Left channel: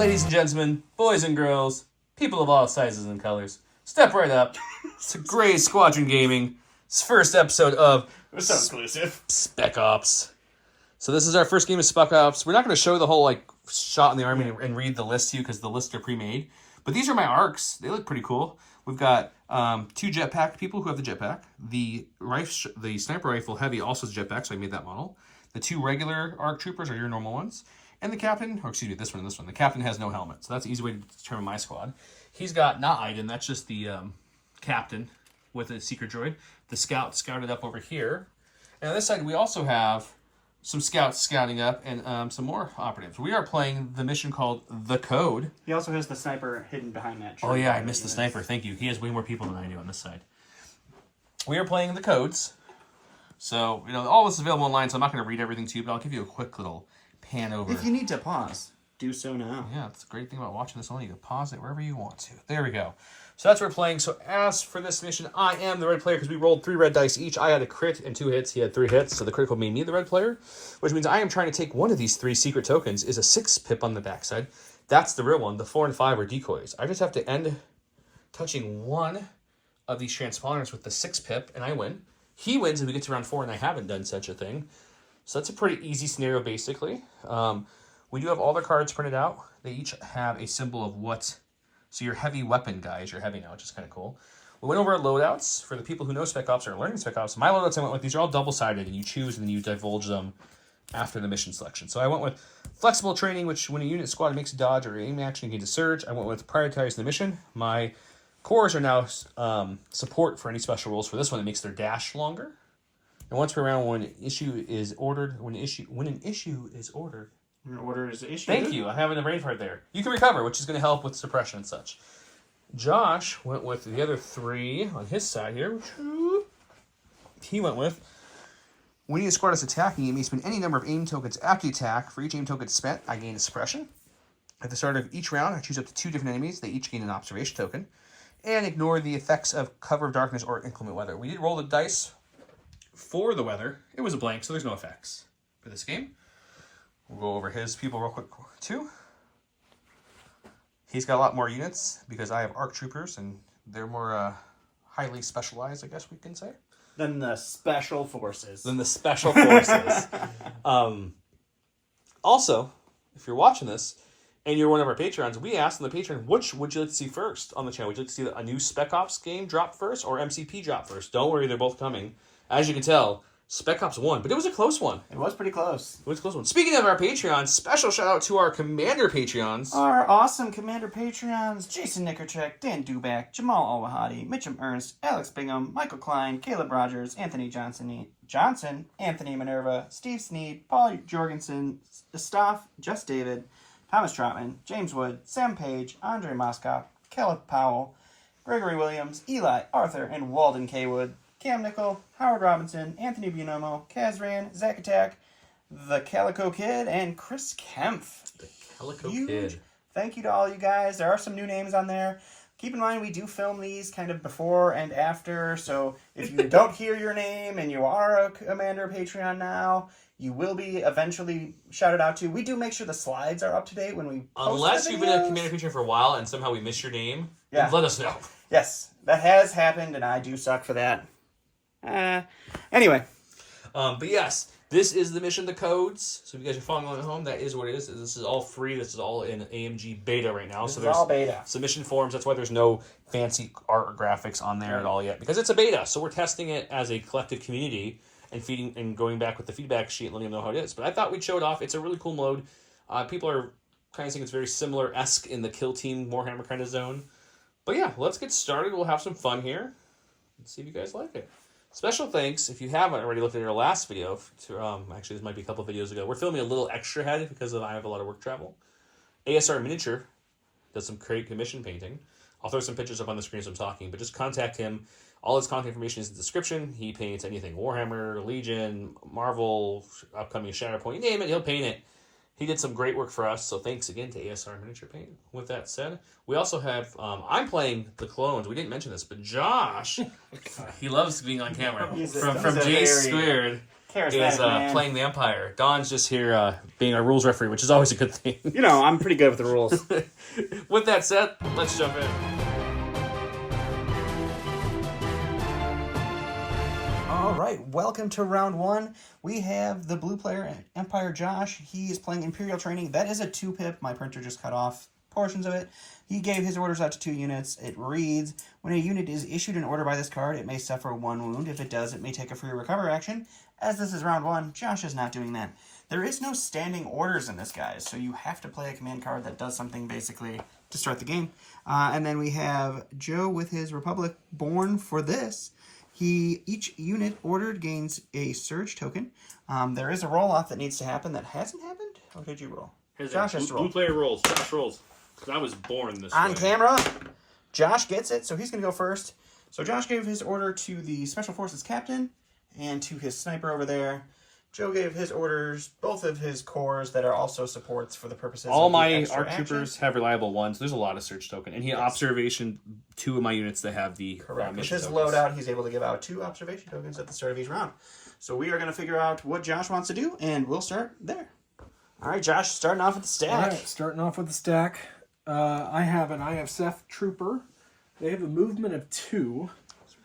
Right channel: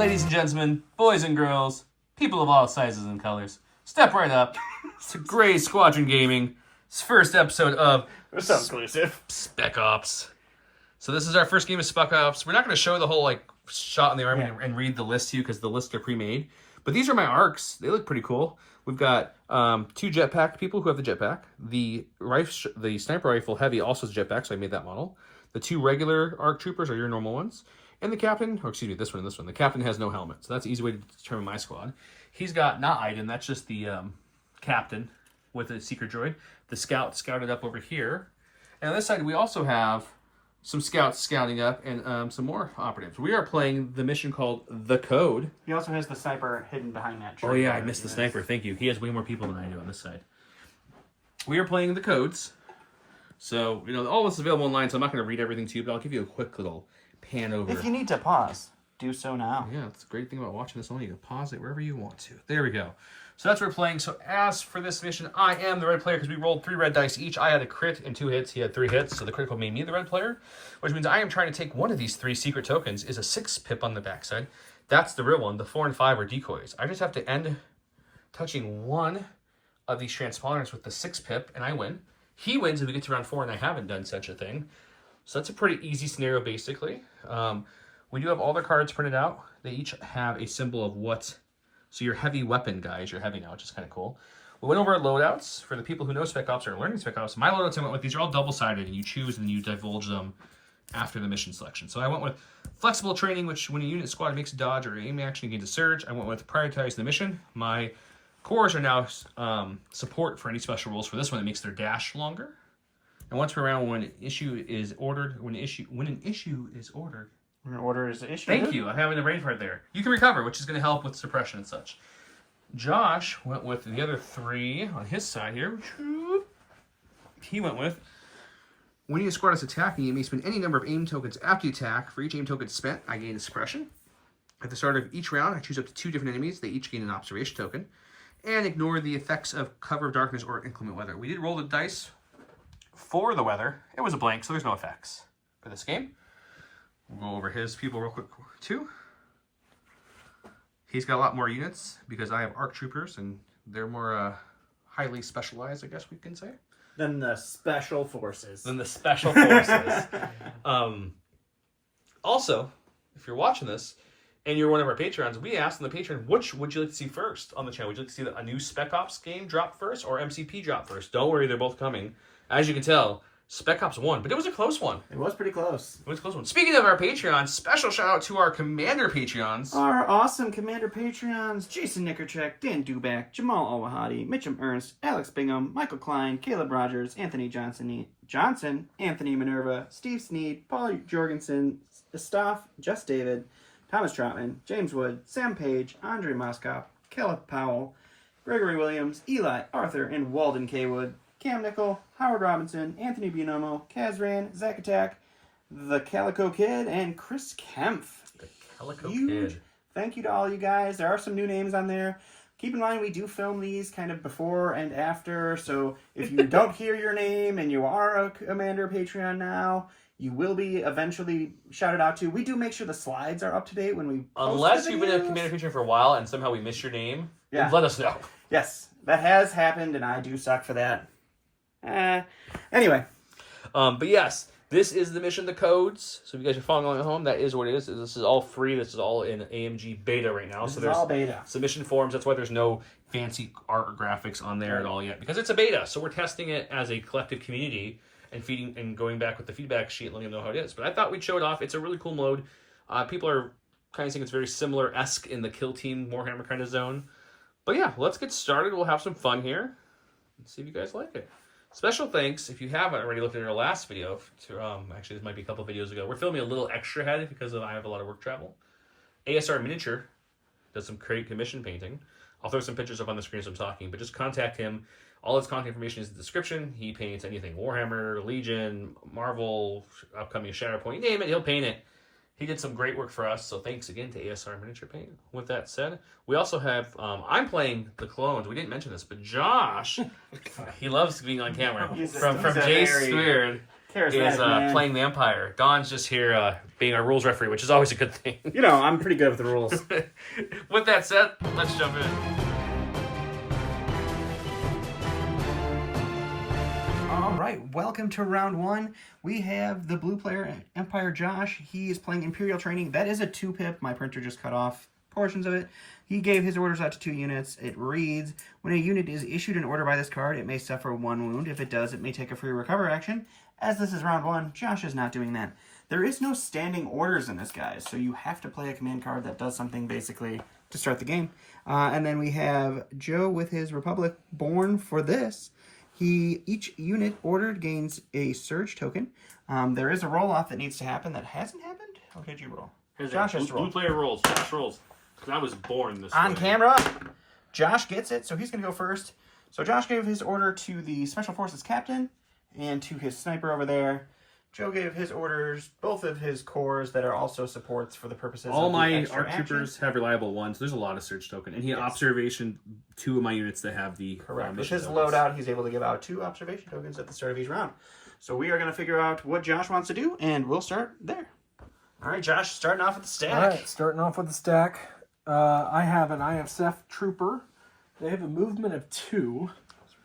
Ladies and gentlemen, boys and girls, people of all sizes and colors, step right up to Gray Squadron Gaming. It's first episode of So exclusive. Spec Ops. So this is our first game of Spec Ops. We're not going to show the whole shot in the army and read the list to you because the lists are pre-made. But these are my arcs. They look pretty cool. We've got two jetpack people who have the jetpack. The sniper rifle heavy also has a jetpack, so I made that model. The two regular ARC troopers are your normal ones. And the captain, or excuse me, this one and this one. The captain has no helmet, so that's an easy way to determine my squad. He's got not Iden, that's just the captain with a secret droid. The scout scouted up over here. And on this side, we also have some scouts scouting up and some more operatives. We are playing the mission called The Code. He also has the sniper hidden behind that tree. Oh yeah, I missed the sniper. Thank you. He has way more people than I do on this side. We are playing The Codes. So, all this is available online, so I'm not going to read everything to you, but I'll give you a quick little pan over. If you need to pause, do so now. Yeah, that's the great thing about watching this only. You can pause it wherever you want to. There we go. So that's what we're playing. So as for this mission, I am the red player because we rolled 3 red dice each. I had a crit and 2 hits. He had 3 hits, so the critical made me the red player, which means I am trying to take one of these 3 secret tokens. Is a 6 pip on the backside. That's the real one. The 4 and 5 are decoys. I just have to end touching one of these transponders with the 6 pip, and I win. He wins if we get to round 4, and I haven't done such a thing. So that's a pretty easy scenario, basically. We do have all the cards printed out. They each have a symbol of what. So your heavy weapon guys, you're heavy now, which is kind of cool. We went over our loadouts. For the people who know Spec Ops or are learning Spec Ops, my loadouts I went with, these are all double-sided, and you choose and you divulge them after the mission selection. So I went with flexible training, which when a unit squad makes a dodge or aim action against a surge, I went with prioritize the mission. My cores are now support for any special rules. For this one, it makes their dash longer. And once per round, when an issue is ordered, An order is issued. Thank you. I'm having a brain fart there. You can recover, which is going to help with suppression and such. Josh went with the other 3 on his side here. He went with, when your squad is attacking, you may spend any number of aim tokens after you attack. For each aim token spent, I gain a suppression. At the start of each round, I choose up to 2 different enemies. They each gain an observation token. And ignore the effects of cover of darkness or inclement weather. We did roll the dice for the weather. It was a blank, so there's no effects for this game. We'll go over his people real quick too. He's got a lot more units because I have ARC troopers and they're more highly specialized, I guess we can say. Than the special forces. Also, if you're watching this and you're one of our patrons, we asked on the Patreon, which would you like to see first on the channel? Would you like to see a new Spec Ops game drop first or MCP drop first? Don't worry, they're both coming. As you can tell, Spec Ops won, but it was a close one. It was pretty close. It was a close one. Speaking of our Patreons, special shout out to our Commander Patreons. Our awesome Commander Patreons: Jason Nickercheck, Dan Duback, Jamal Al-Wahadi, Mitchum Ernst, Alex Bingham, Michael Klein, Caleb Rogers, Anthony Johnson, Anthony Minerva, Steve Sneed, Paul Jorgensen, Staff, Just David, Thomas Troutman, James Wood, Sam Page, Andre Moskop, Caleb Powell, Gregory Williams, Eli, Arthur, and Walden K. Wood, Cam Nickel, Howard Robinson, Anthony Buonomo, Kazran, Zach Attack, The Calico Kid, and Chris Kempf. The Calico Kid. Thank you to all you guys. There are some new names on there. Keep in mind, we do film these kind of before and after, so if you don't hear your name and you are a Commander Patreon now, you will be eventually shouted out to. We do make sure the slides are up to date when we post Unless you've been a Commander Patreon for a while and somehow we missed your name, then let us know. Yes, that has happened, and I do suck for that. Anyway. But yes, this is the mission, The Codes. So if you guys are following along at home, that is what it is. This is all free. This is all in AMG beta right now. This is all beta. Submission forms. That's why there's no fancy art or graphics on there at all yet. Because it's a beta. So we're testing it as a collective community and feeding and going back with the feedback sheet and letting them know how it is. But I thought we'd show it off. It's a really cool mode. People are kind of saying it's very similar-esque in the Kill Team Warhammer kind of zone. But yeah, let's get started. We'll have some fun here. Let's see if you guys like it. Special thanks, if you haven't already looked at our last video, to, actually this might be a couple videos ago, we're filming a little extra head because I have a lot of work travel. ASR Miniature does some great commission painting. I'll throw some pictures up on the screen as I'm talking, but just contact him. All his contact information is in the description. He paints anything, Warhammer, Legion, Marvel, upcoming Shatterpoint, you name it, he'll paint it. He did some great work for us, so thanks again to ASR Miniature Paint. With that said, we also have, I'm playing the clones. We didn't mention this, but Josh, he loves being on camera. From J Squared. Charismatic, playing the Empire. Don's just here being a rules referee, which is always a good thing. You know, I'm pretty good with the rules. With that said, let's jump in. All right, welcome to round one. We have the blue player, Empire Josh. He is playing Imperial Training. That is a 2-pip. My printer just cut off portions of it. He gave his orders out to 2 units. It reads, when a unit is issued an order by this card, it may suffer 1 wound. If it does, it may take a free recover action. As this is round one, Josh is not doing that. There is no standing orders in this, guys, so you have to play a command card that does something basically to start the game. And then we have Joe with his Republic Born for this. Each unit ordered gains a surge token. There is a roll-off that needs to happen that hasn't happened. What did you roll? Josh has to roll. Blue player rolls. Josh rolls. Because I was born this On way. camera, Josh gets it, so he's going to go first. So Josh gave his order to the Special Forces captain and to his sniper over there. Joe gave his orders, both of his cores that are also supports for the purposes all of the my extra ARC action. troopers have reliable ones. There's a lot of surge token. And he observation 2 of my units that have the Correct. With mission his tokens. loadout, he's able to give out 2 observation tokens at the start of each round. So we are going to figure out what Josh wants to do, and we'll start there. All right, Josh, starting off with the stack. All right, starting off with the stack. I have an IFSF trooper. They have a movement of 2.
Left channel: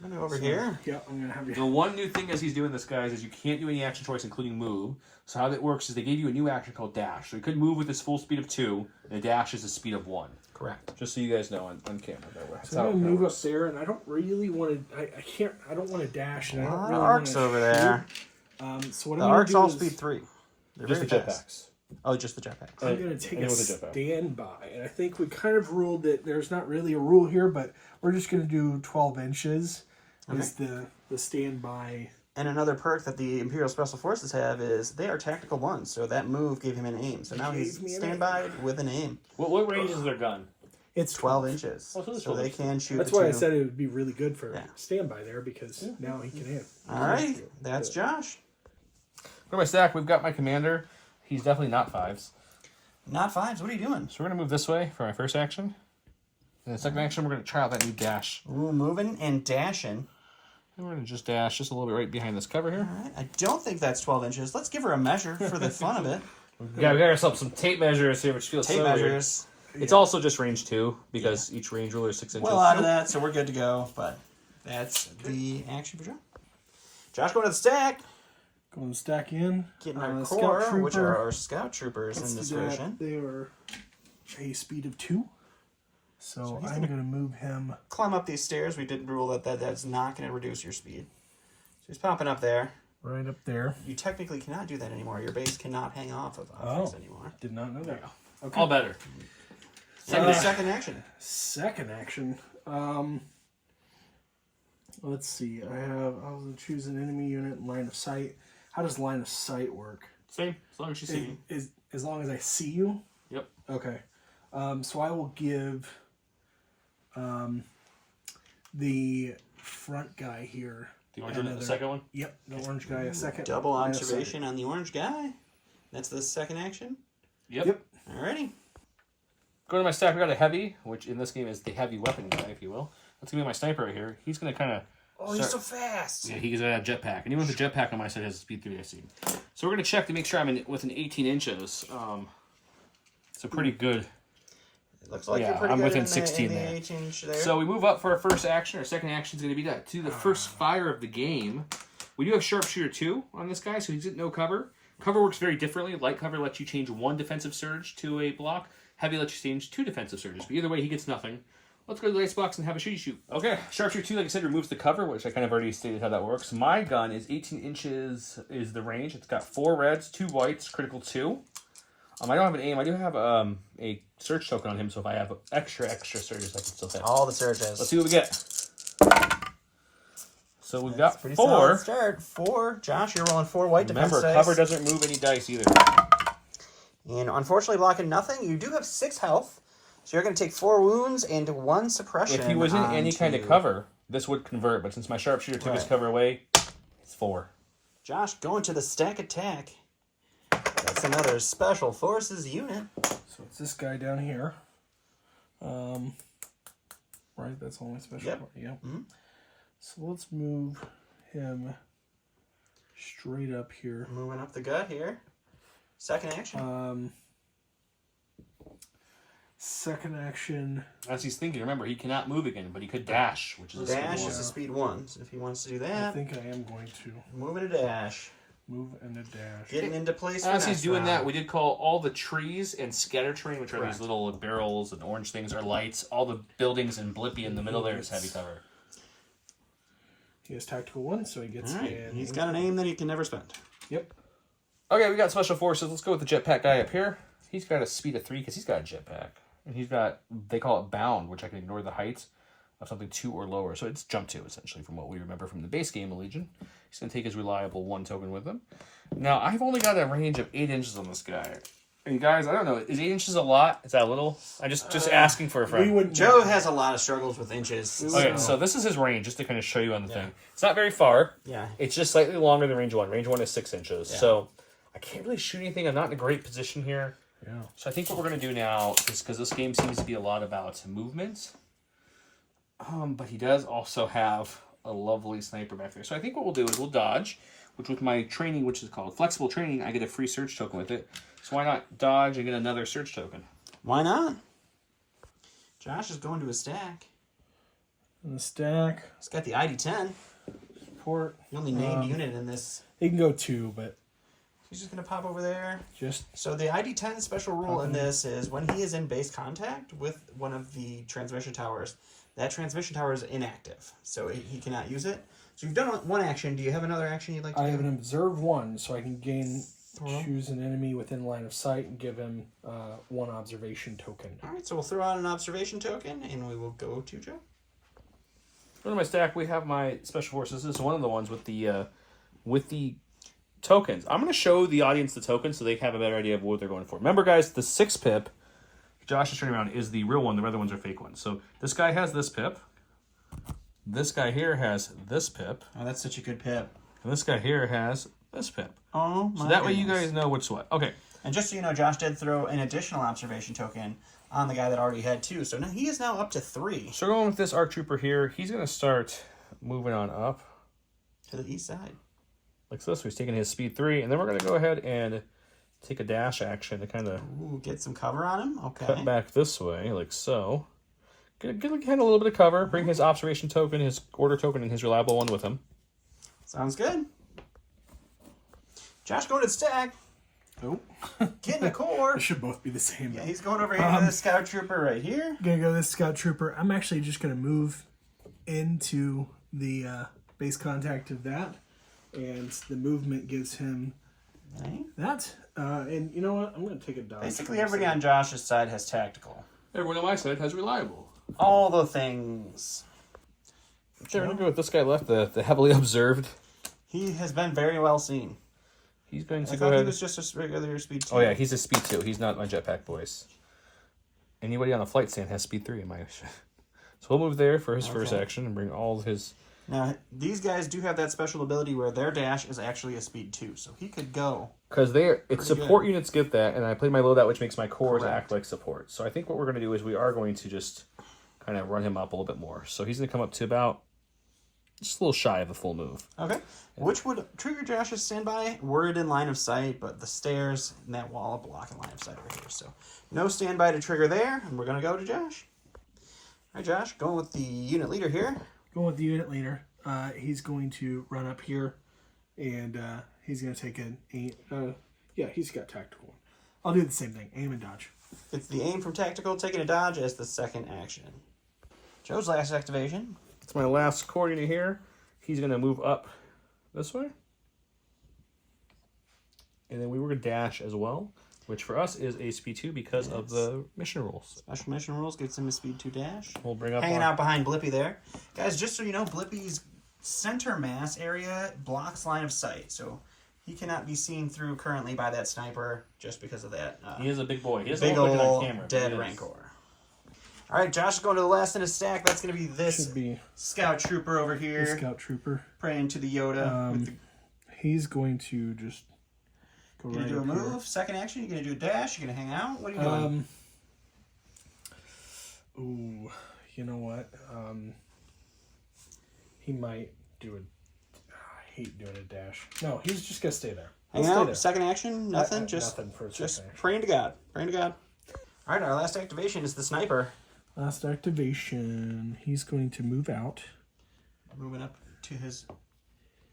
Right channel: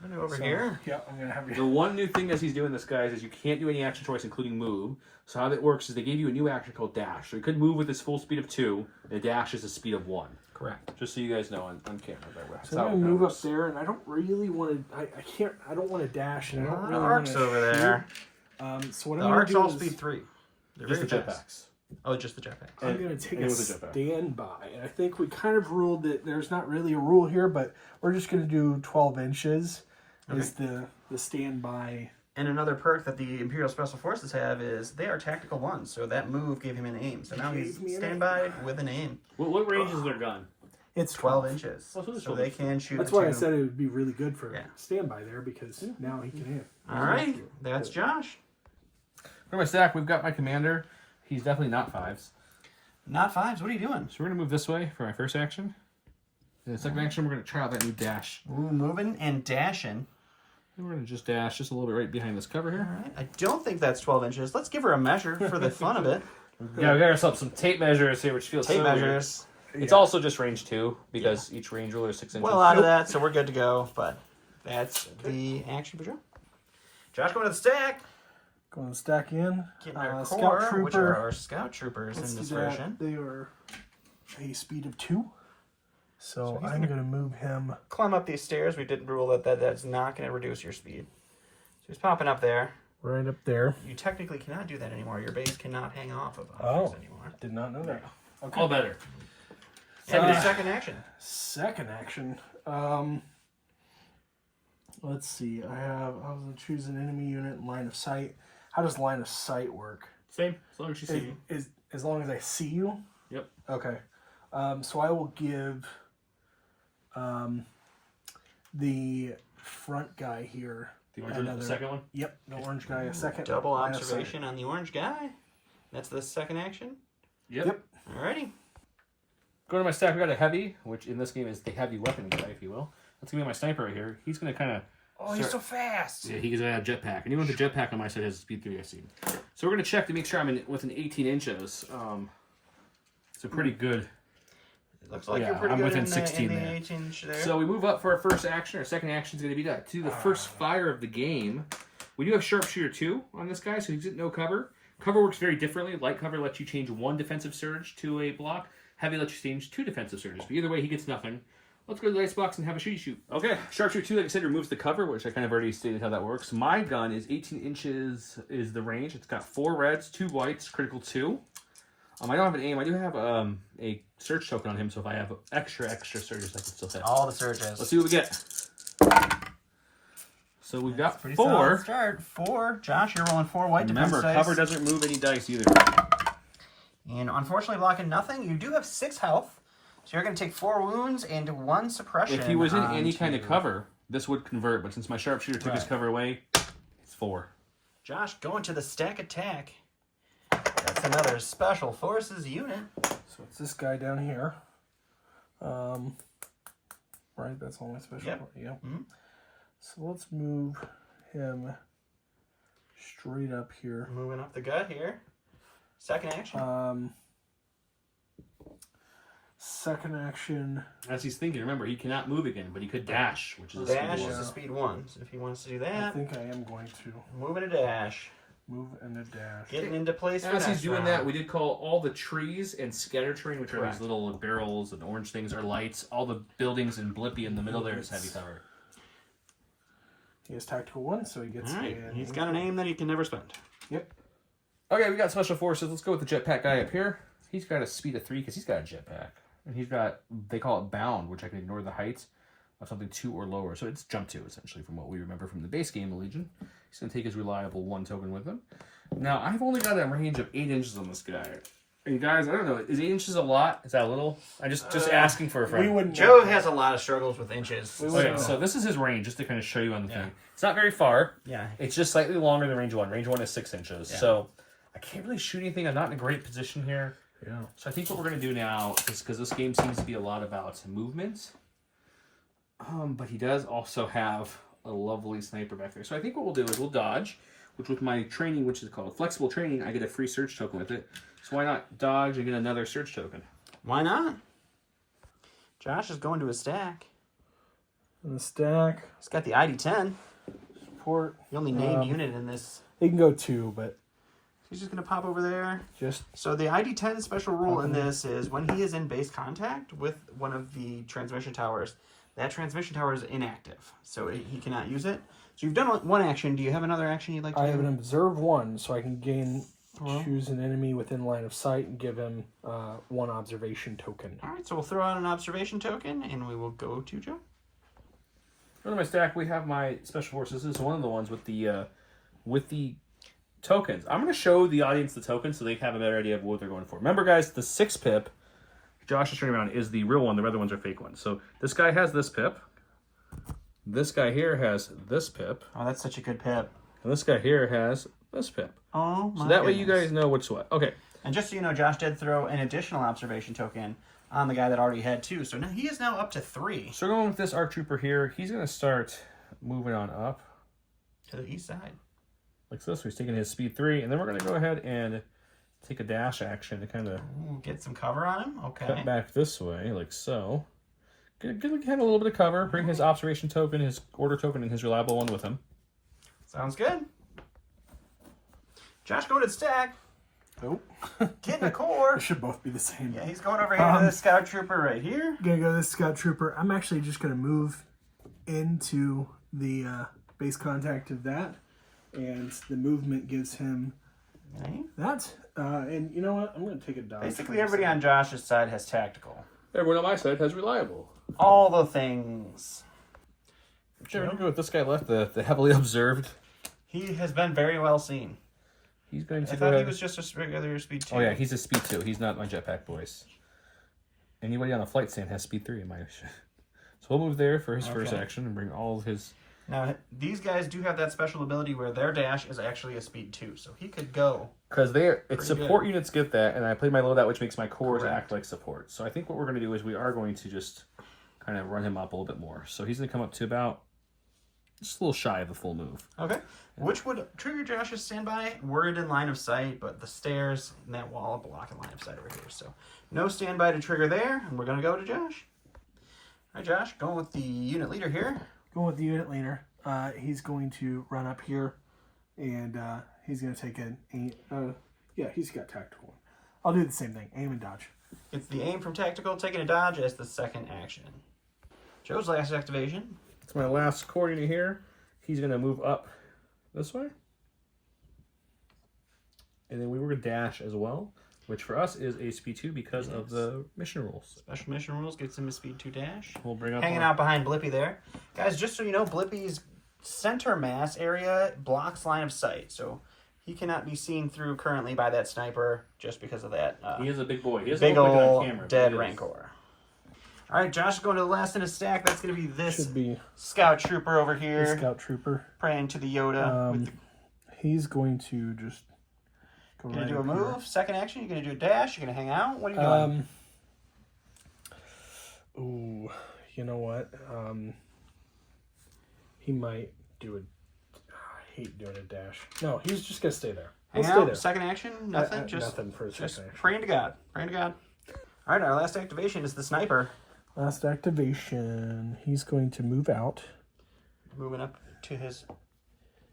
I'm going to over here. Yeah, I'm going to have you. The one new thing as he's doing this, guys, is you can't do any action choice, including move. So how that works is they gave you a new action called dash. So he could move with his full speed of 2, and the dash is a speed of 1. Correct. Just so you guys know on camera. That's So how I'm it going to move goes. up there, and I don't really want to. I don't want to dash, and I don't really want Arcs to. over there. So what The I'm going arcs to do all is speed 3. They're Just the very fast. jetpacks. Oh, just the jetpacks. I'm going to take and a with the jetpack. standby, and I think we kind of ruled that there's not really a rule here, but we're just going to do 12 inches is the standby. And another perk that the Imperial Special Forces have is they are tactical 1s, so that move gave him an aim. So now he's Gave me an standby with an aim. What range is their gun? It's 12 inches. Oh, so it's So 12 they inches. can shoot That's the why I 2. said it would be really good for Yeah. standby there, because now he can hit. All right, that's Josh. For my stack, we've got my commander. He's definitely not 5s. Not 5s. What are you doing? So we're going to move this way for my first action. And the second action, we're going to try out that new dash. Ooh, moving and dashing. And we're going to just dash just a little bit right behind this cover here. All right. I don't think that's 12 inches. Let's give her a measure for the fun of it. Yeah, we got ourselves some tape measures here, which feels Tape so weird. measures. It's also just range 2, because each range ruler is 6 inches. Well out of that, so we're good to go. But that's the action for Joe. Josh going to the stack. Going to stack in. Getting our Scout core, trooper. which are our scout troopers Let's in this do that. version. They are a speed of 2. So I'm going to move him. Climb up these stairs. We didn't rule that's not going to reduce your speed. So he's popping up there. Right up there. You technically cannot do that anymore. Your base cannot hang off of objects anymore. Did not know that. Okay. All better. Second action. Second action. Let's see. I was going to choose an enemy unit in line of sight. How does line of sight work? Same, as long as you see me. Is as long as I see you? Yep. Okay. So I will give the front guy here. The orange one, the second one? Yep, the orange guy a second. Double line of sight. observation on the orange guy. That's the second action. Yep. Alrighty. Go to my stack, we got a heavy, which in this game is the heavy weapon guy, if you will. That's going to be my sniper right here. He's going to kind of... Oh, he's so fast. Yeah, he's going to have jetpack. And even with the jetpack on my side, has a speed 3 I see. So we're going to check to make sure I'm within 18 inches. It's a pretty good... It looks like Yeah, you're pretty I'm good within in 16 the there. 18 inch there. So we move up for our first action. Our second action is going to be to do the first fire of the game. We do have Sharpshooter 2 on this guy, so he's at no cover. Cover works very differently. Light cover lets you change 1 defensive surge to a block. Heavy lets you change 2 defensive surges. But either way, he gets nothing. Let's go to the ice box and have a shooty shoot. Okay, Sharpshooter 2, like I said, removes the cover, which I kind of already stated how that works. My gun is 18 inches is the range. It's got 4 reds, 2 whites, critical 2. I don't have an aim. I do have a surge token on him, so if I have extra surges, I can still hit. All the surges. Let's see what we get. So we've got Pretty 4. solid start. 4. Josh, you're rolling 4 white defense Remember, dice. cover doesn't move any dice either. And unfortunately, blocking nothing. You do have 6 health. So you're going to take 4 wounds and 1 suppression. If he was in any kind of onto- cover, this would convert. But since my sharpshooter took his Right. cover away, it's 4. Josh going to the stack attack. That's another Special Forces unit. So it's this guy down here. Right, that's only special. Yep. Part. Yep. Mhm. So let's move him straight up here. Moving up the gut here. Second action. Second action. As he's thinking, remember, he cannot move again, but he could dash, which is a Dash speed is one. a speed 1. So if he wants to do I that, think I am going to moving a dash. move and a dash. Getting into place for As he's next doing round. that, we did call all the trees and scatter terrain, which are Correct. these little barrels and orange things, are lights. All the buildings and Blippy in the middle there is heavy cover. He has tactical 1, so he gets All right. an He's got an aim that he can never spend. Yep. Okay, we got special forces. Let's go with the jetpack guy up here. He's got a speed of 3 because he's got a jetpack. And he's got, they call it bound, which I can ignore the height of something 2 or lower. So it's jump 2, essentially, from what we remember from the base game of Legion. He's going to take his reliable 1 token with him. Now, I've only got a range of 8 inches on this guy. And guys, I don't know, is 8 inches a lot? Is that a little? I'm just asking for a friend. We wouldn't. Joe has a lot of struggles with inches. Okay, so this is his range, just to kind of show you on the thing. It's not very far. Yeah. It's just slightly longer than range 1. Range 1 is 6 inches. Yeah. So I can't really shoot anything. I'm not in a great position here. Yeah. So I think what we're going to do now is, because this game seems to be a lot about movement, but he does also have a lovely sniper back there. So I think what we'll do is we'll dodge, which with my training, which is called flexible training, I get a free search token with it. So why not dodge and get another search token? Why not? Josh is going to a stack. And the stack. He's got the ID-10. Support. The only named unit in this. He can go 2, but He's just going to pop over there. just So the ID-10 special rule in this is when he is in base contact with one of the transmission towers, that transmission tower is inactive. So he cannot use it. So you've done one action. Do you have another action you'd like to I do? have an observe 1, so I can choose an enemy within line of sight and give him 1 observation token. All right, so we'll throw out an observation token, and we will go to Joe. Under my stack, we have my special forces. This is one of the ones with the tokens. I'm going to show the audience the tokens so they have a better idea of what they're going for. Remember, guys, the 6 pip Josh is turning around is the real one. The other ones are fake ones. So this guy has this pip. This guy here has this pip. Oh, that's such a good pip. And this guy here has this pip. Oh, my So that way you goodness. guys know what's what. Okay. And just so you know, Josh did throw an additional observation token on the guy that already had 2. So now he is now up to 3 So going with this ARC Trooper here, he's going to start moving on up to the east side. like this. He's taking his speed 3. And then we're going to go ahead and take a dash action to kind of Ooh, get some cover on him. Okay. cut back this way, like so. Get a little bit of cover. Bring his observation token, his order token, and his reliable one with him. Sounds good. Josh going to the stack. Nope. Getting a core. They should both be the same. Yeah, he's going over here to the scout trooper right here. Gonna go this scout trooper. I'm actually just gonna move into the base contact of that, and the movement gives him Right. that. And you know what? I'm gonna take a dodge. Basically, everybody on Josh's side has tactical. Everyone on my side has reliable. All the things. Sure, we're going to go with this guy left, the heavily observed. He has been very well seen. He's going I to go thought he ahead. was just a regular speed 2. Oh yeah, he's a speed 2. He's not my jetpack boys. Anybody on the flight stand has speed 3 in my. So we'll move there for his first action and bring all of his. Now, these guys do have that special ability where their dash is actually a speed 2. So he could go. Because it's Pretty support good. units get that, and I played my loadout, which makes my cores Correct. act like support. So I think what we're going to do is we are going to just kind of run him up a little bit more. So he's going to come up to about just a little shy of a full move. Okay. Which would trigger Josh's standby? Word in line of sight, but the stairs and that wall block in line of sight over here. So no standby to trigger there, and we're going to go to Josh. All right, Josh, going with the unit leader here. Going with the unit leader. He's going to run up here, and he's going to take yeah, he's got tactical. I'll do the same thing. Aim and dodge. It's the aim from tactical, taking a dodge as the second action. Joe's last activation. It's my last core unit here. He's going to move up this way. And then we were going to dash as well, which for us is a speed 2 because of the mission rules. Special mission rules gets him a speed 2 dash. We'll bring up Hanging our- out behind Blippy there. Guys, just so you know, Blippy's center mass area blocks line of sight. So he cannot be seen through currently by that sniper just because of that He is a big boy. He doesn't big look like it on old camera, but dead he is. Rancor. All right, Josh is going to the last in his stack. That's going to be this Should be scout trooper over the here, scout trooper. praying to the Yoda. He's going to just go Gonna right do a up here. move, second action. You're gonna do a dash. You're gonna hang out. What are you doing? Ooh, you know what? He might do hate doing a dash. No, he's just gonna stay there. Hang He'll stay out. there. Second action, nothing. Just nothing for a just second action. praying to God. Praying to God. All right, our last activation is the sniper. Last activation. He's going to move out. Moving up to his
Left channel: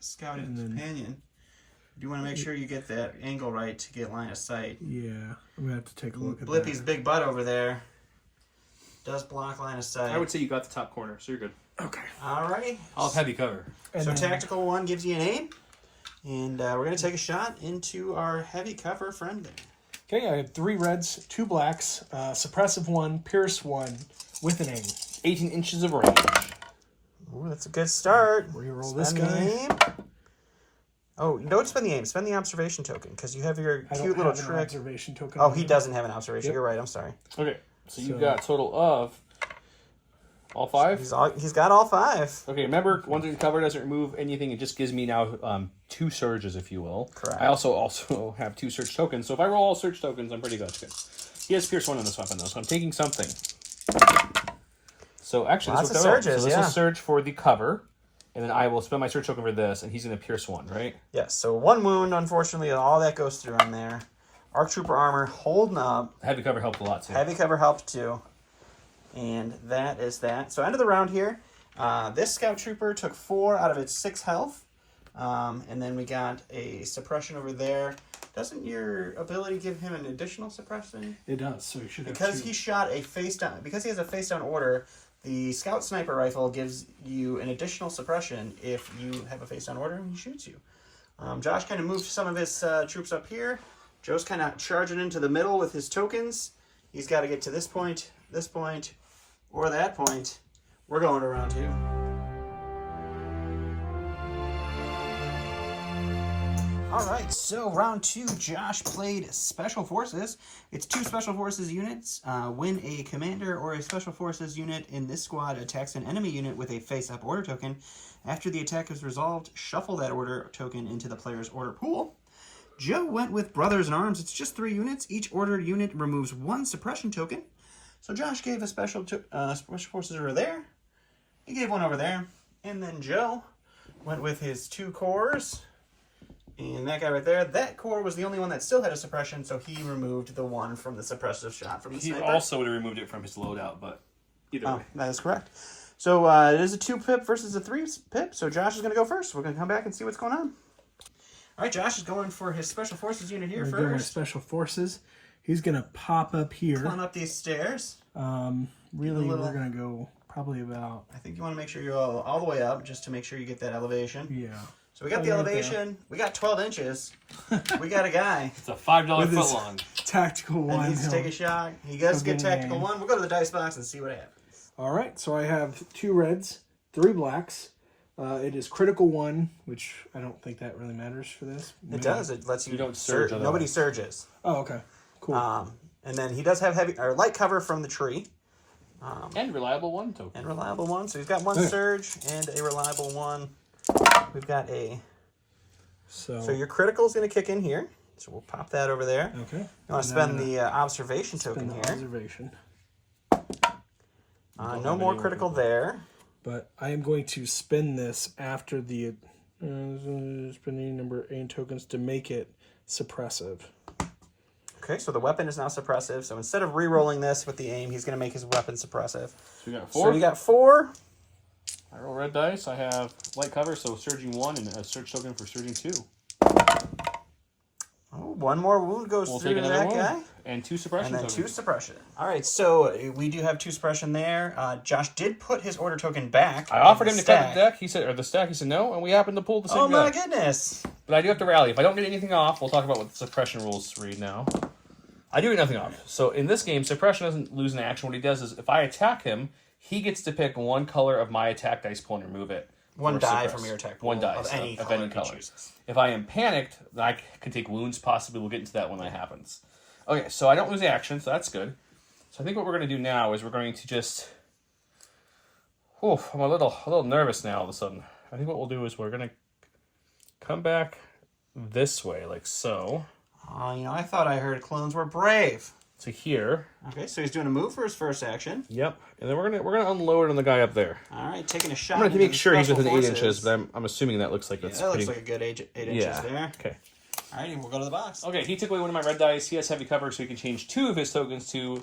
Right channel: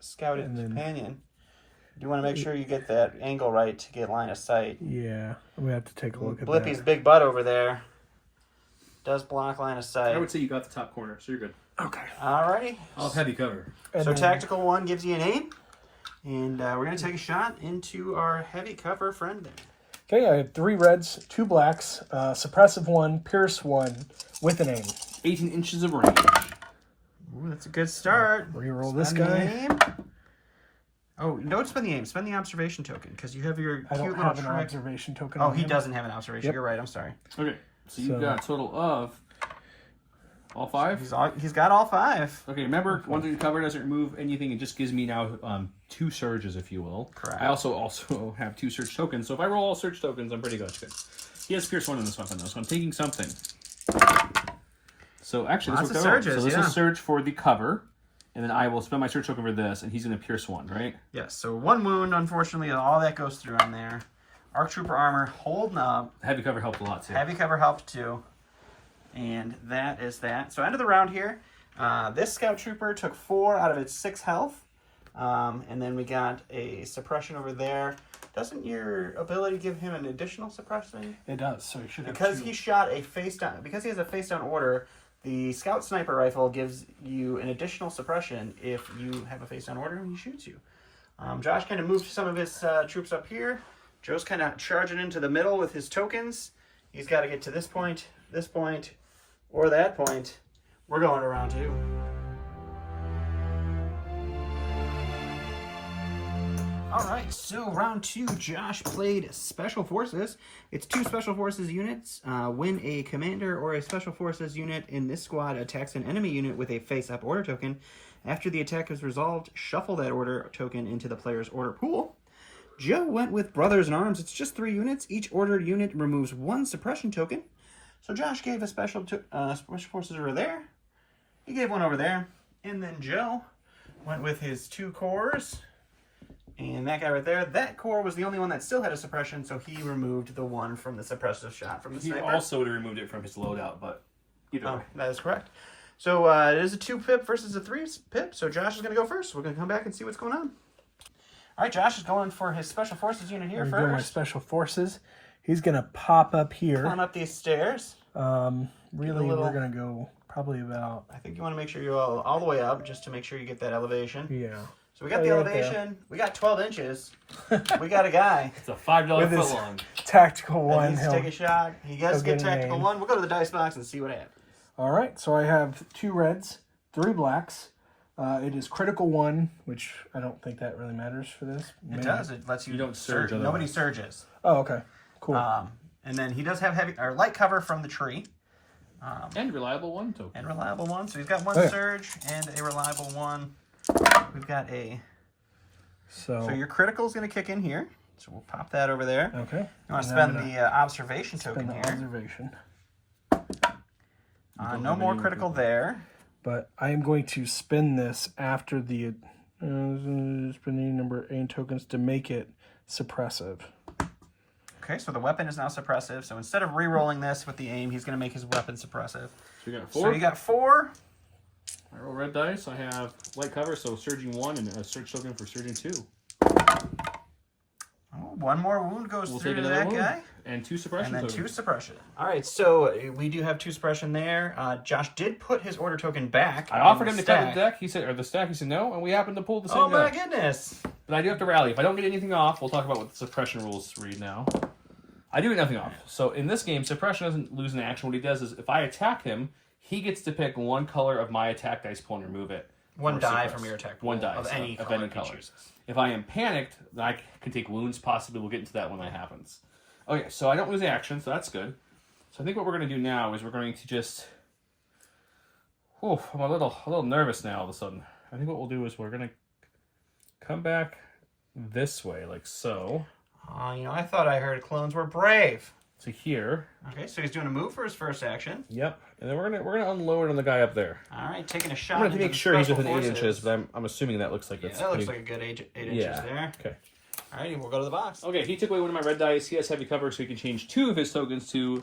scouted companion. You want to make sure you get that angle right to get line of sight. Yeah, I'm gonna have to take a look at Blippi's big butt over there does block line of sight. I would say you got the top corner, so you're good. that. Okay. Alrighty. I'll have heavy cover. And So then- tactical 1 gives you an aim. And we're going to take a shot into our heavy cover friend there. Okay, I have 3 reds, 2 blacks, suppressive 1, pierce 1, with an aim. 18 inches of range. Ooh, that's a good start. Reroll this Spend the guy. aim. Oh, don't spend the aim. Spend the observation token because you have your I cute don't little have an trick. observation token. Oh, on he him. doesn't have an observation. Yep. You're right. I'm sorry. Okay, so you So- got a total of all 5? He's got all 5. Okay, remember, once in cover doesn't remove anything. It just gives me now 2 surges, if you will. Correct. I also have 2 surge tokens, so if I roll all surge tokens, I'm pretty good. He has pierce 1 on this weapon, though, so I'm taking something. So actually, Lots this of worked out well. surges, So this yeah. is surge for the cover, and then I will spend my surge token for this, and he's going to pierce 1, right? Yes. So 1 wound, unfortunately, all that goes through on there. Arc Trooper armor holding up. Heavy cover helped a lot, too. Heavy cover helped too. And that is that. So end of the round here. This Scout Trooper took 4 out of its 6 health. And then we got a suppression over there. Doesn't your ability give him an additional suppression? It does, so he should have Because 2. he shot a face down. Because he has a face down order, the Scout Sniper Rifle gives you an additional suppression if you have a face down order and he shoots you. Josh kind of moved some of his troops up here. Joe's kind of charging into the middle with his tokens. He's got to get to this point, or that point. We're going to round 2. All right, so round 2, Josh played Special Forces. It's 2 Special Forces units. When a commander or a Special Forces unit in this squad attacks an enemy unit with a face-up order token, after the attack is resolved, shuffle that order token into the player's order pool. Joe went with Brothers in Arms. It's just 3 units. Each ordered unit removes 1 suppression token. So Josh gave a Special Forces over there. He gave 1 over there. And then Joe went with his 2 cores. And that guy right there, that core was the only one that still had a suppression, so he removed the 1 from the suppressive shot from the He sniper. also would have removed it from his loadout, but either way. That is correct. So it is a 2-pip versus a 3-pip, so Josh is going to go first. We're going to come back and see what's going on. All right, Josh is going for his Special Forces unit here We're going with first. Special Forces. He's gonna pop up here. Climb up these stairs. Really, little- we're gonna go probably about. I think you want to make sure you go all the way up just to make sure you get that elevation. Yeah. So we got Oh, the yeah, elevation. We got 12 inches. We got a guy. It's a $5 With foot his- long. Tactical That one. needs to take a shot. He does he'll get get an tactical aim. 1. We'll go to the dice box and see what happens. All right, so I have 2 reds, 3 blacks. It is critical 1, which I don't think that really matters for this. It does. It lets you, don't surge surge. Nobody otherwise. surges. Oh, okay. Cool. And then he does have heavy or light cover from the tree. And reliable 1 token. And reliable 1. So he's got 1 Okay. surge and a reliable 1. We've got a... so So your critical is going to kick in here. So we'll pop that over there. okay. You want to And then spend I'm the observation token gonna spend the here. observation. No more critical there. But I am going to spin this after the spending number 8 tokens to make it suppressive. Okay, so the weapon is now suppressive. So instead of re-rolling this with the aim, he's going to make his weapon suppressive. So you got So 4. you got 4. I roll red dice. I have light cover, so surging 1 and a surge token for surging 2. Oh, 1 more wound goes We'll through take to another that one. guy. And 2 suppression And then tokens. 2 suppression. All right, so we do have 2 suppression there. Josh did put his order token back. I offered in him the to cut stack. the deck. He said, or the stack. He said no, and we happened to pull the same Oh my guy. goodness! But I do have to rally. If I don't get anything off, we'll talk about what the suppression rules read now. I do get nothing off. So in this game, suppression doesn't lose an action. What he does is, if I attack him, he gets to pick 1 color of my attack dice pool and remove it. 1 Or die suppress. from your attack pool 1 die of any of color any he color. chooses. If I am panicked, then I can take wounds. Possibly we'll get into that when that happens. Okay, so I don't lose the action, so that's good. So I think what we're going to do now is we're going to just... I'm a little nervous now all of a sudden. I think what we'll do is we're going to come back this way, like so. Oh, I thought I heard clones were brave. to here. Okay, so he's doing a move for his first action. Yep. And then we're gonna unload on the guy up there. All right, taking a shot. I'm gonna make into sure the he's special within 8 forces. inches, but I'm assuming that looks like Yeah, that's that pretty... looks like a good 8 inches there. Okay. All right, we'll go to the box. Okay, he took away one of my red dice. He has heavy cover, so he can change 2 of his tokens to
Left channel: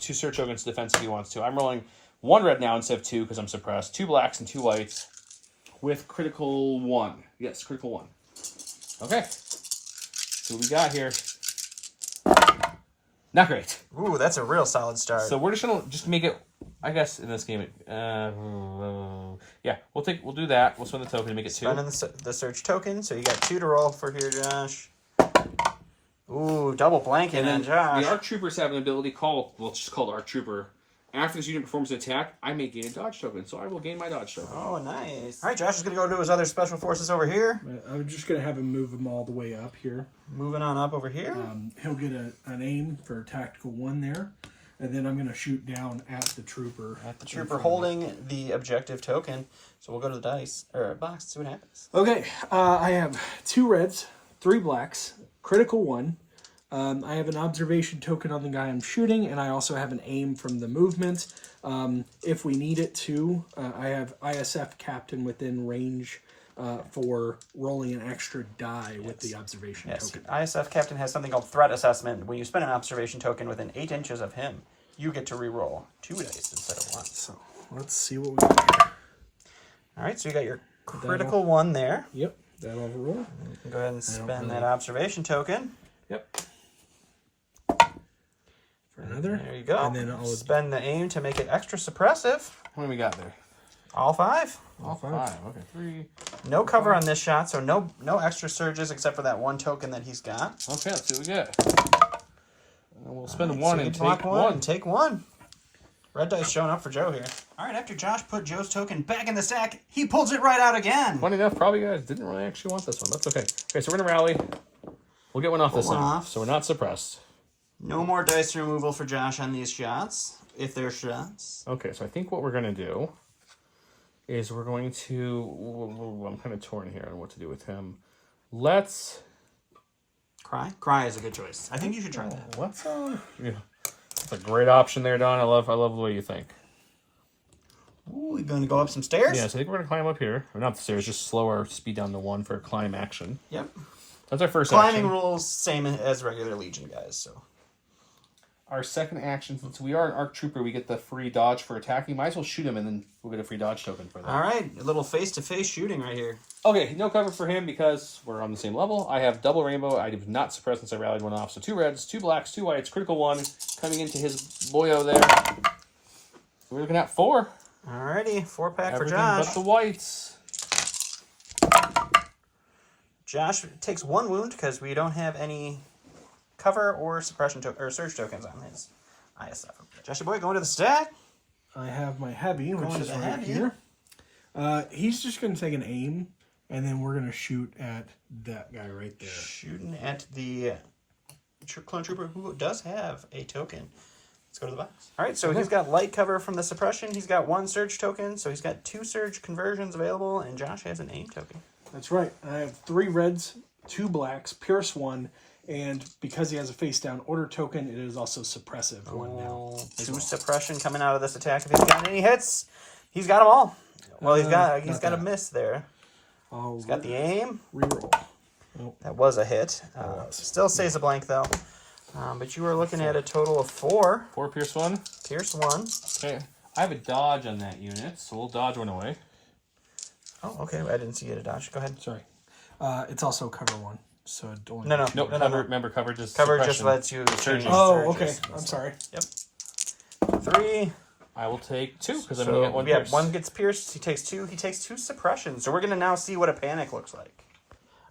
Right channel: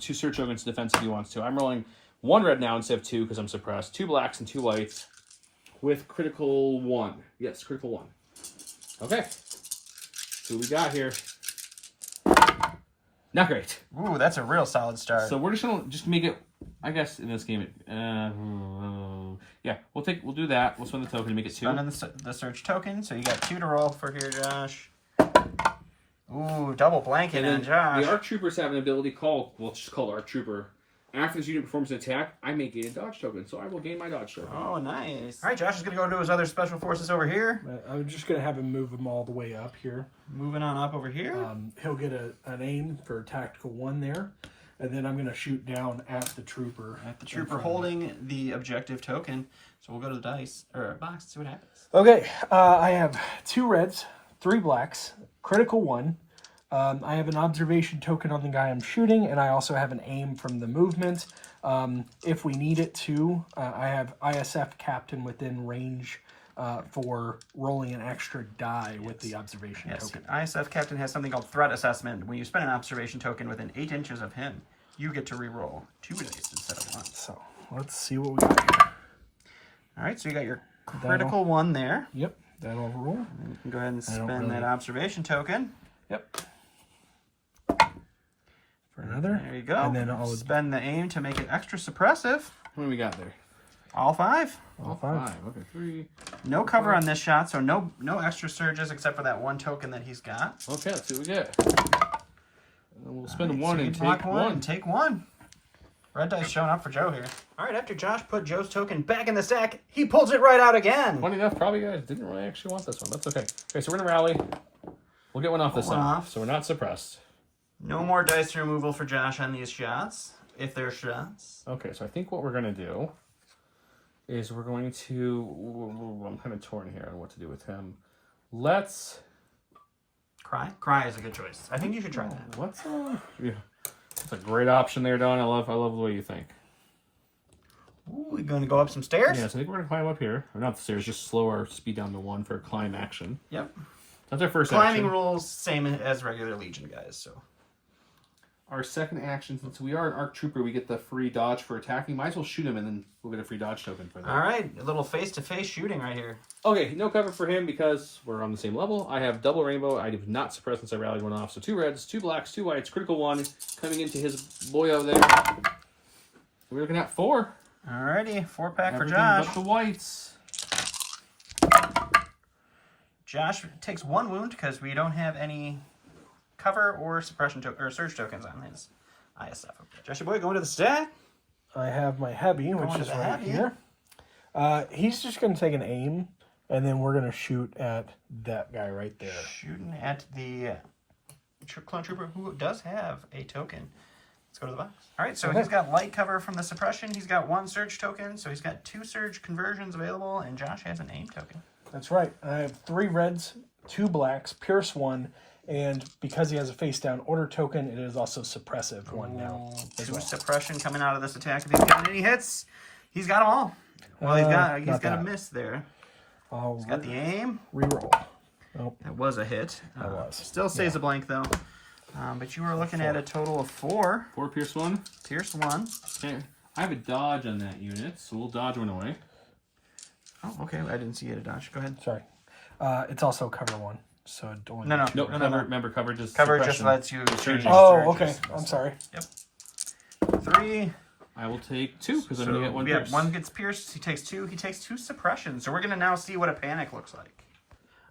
2 search tokens to defense if he wants to. I'm rolling 1 red now instead of 2 because I'm suppressed. 2 blacks and 2 whites with critical 1. Yes, critical 1. Okay. So we got here. Not great. Ooh, that's a real solid start. So we're just gonna make it. I guess in this game, yeah, we'll do that. We'll spend the token and make it 2. Spending the search token, so you got 2 to roll for here, Josh. Ooh, double blanking on Josh. The ARC Troopers have an ability called, well, it's just called ARC Trooper. After this unit performs an attack, I may gain a dodge token, so I will gain my dodge token. Oh, nice. All right, Josh is going to go to his other special forces over here. I'm just going to have him move them all the way up here. Moving on up over here. He'll get an aim for tactical 1 there. And then I'm going to shoot down at the trooper. At the trooper holding the objective token. So we'll go to the dice, or box, see what happens. Okay, I have 2 reds, 3 blacks, critical 1. I have an observation token on the guy I'm shooting, and I also have an aim from the movement. If we need it to, I have ISF Captain within range for rolling an extra die with the observation token. ISF Captain has something called Threat Assessment. When you spend an observation token within 8 inches of him, you get to re-roll 2 dice instead of 1. So let's see what we got here. All right, so you got your critical 1 there. Yep, that'll roll. And then you can go ahead and spend that observation token. Yep. For another. There you go. And then I'll spend the aim to make it extra suppressive. What do we got there? All 5. all 5. Okay, 3. No cover on this shot, so no extra surges except for that 1 token that he's got. Okay, let's see what we get. And we'll spend 1 and block take 1 1. and take 1. Red dice showing up for Joe here. All right, after Josh put Joe's token back in the stack, he pulls it right out again. Funny enough, probably you guys didn't really actually want this one. That's okay. Okay, so we're gonna rally. We'll get one off this one time, off. so we're not suppressed. No more dice removal for Josh on these shots, if they're shots. Okay, so I think what we're gonna do is we're going to. I'm kind of torn here on what to do with him. Let's. Cry is a good choice. I think you should try that. Let's. Yeah. That's a great option there, Don. I love the way you think. Ooh, we're going to go up some stairs? Yeah, so I think we're gonna climb up here. Or not the stairs, just slower speed down to 1 for climb action. Yep. That's our first Climbing action. rules, same as regular Legion guys, so. Our second action, since we are an ARC Trooper, we get the free dodge for attacking. Might as well shoot him, and then we'll get a free dodge token for that. All right, a little face-to-face shooting right here. Okay, no cover for him because we're on the same level. I have double rainbow. I have not suppressed since I rallied 1 off. So 2 reds, 2 blacks, 2 whites, critical 1 coming into his boyo there. So we're looking at 4. Alrighty, 4-pack for Everything Josh. but the whites. Josh takes 1 wound because we don't have any cover or suppression or surge tokens on his ISF. Joshy boy, going to the stack. I have my heavy, which Going to is the right heavy. here. He's just going to take an aim, and then we're going to shoot at that guy right there. Shooting at the clone trooper who does have a token. Let's go to the box. All right, so he's got light cover from the suppression. He's got 1 surge token, so he's got 2 surge conversions available, and Josh has an aim token. That's right. I have 3 reds, 2 blacks, pierce 1, and because he has a face down order token, it is also suppressive 1 now. 2 suppression coming out of this attack. If he's got any hits, he's got them all. Well, he's got a miss there. He's got the aim. Reroll. Nope. That was a hit. Still stays a blank though. But you were looking at a total of 4. 4 pierce 1. Pierce 1. Okay, I have a dodge on that unit, so we'll dodge 1 away. Oh, okay. I didn't see you to dodge. Go ahead. Sorry. It's also cover 1. So don't. No. Nope, cover. Remember, cover just Cover just suppression. lets you change Oh, surges. okay. I'm sorry. Yep. 3. I will take 2 because I'm So gonna get 1 yeah, pierce. 1 gets pierced. He takes 2. He takes 2 suppression. So we're gonna now see what a panic looks like.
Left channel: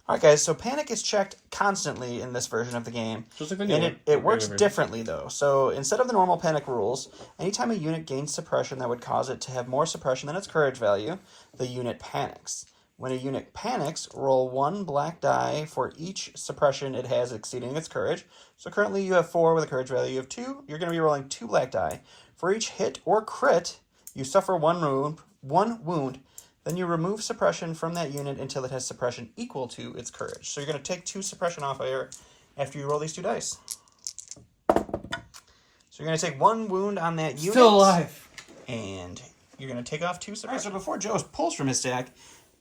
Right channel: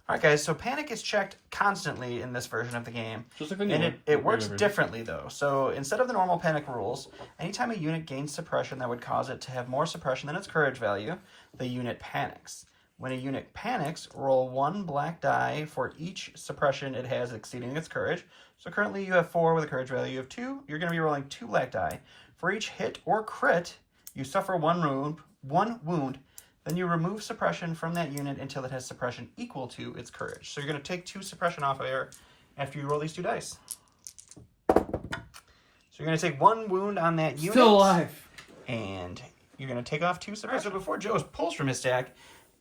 All right, guys. So panic is checked constantly in this version of the game, Just like the new and one. it works differently though. So instead of the normal panic rules, anytime a unit gains suppression that would cause it to have more suppression than its courage value, the unit panics. When a unit panics, roll 1 black die for each suppression it has exceeding its courage. So currently you have 4 with a courage value of 2. You're going to be rolling 2 black die. For each hit or crit, you suffer 1 wound. Then you remove suppression from that unit until it has suppression equal to its courage. So you're going to take 2 suppression off of here after you roll these 2 dice. So you're going to take 1 wound on that unit. Still alive. And you're going to take off 2 suppression. So before Joe pulls from his stack,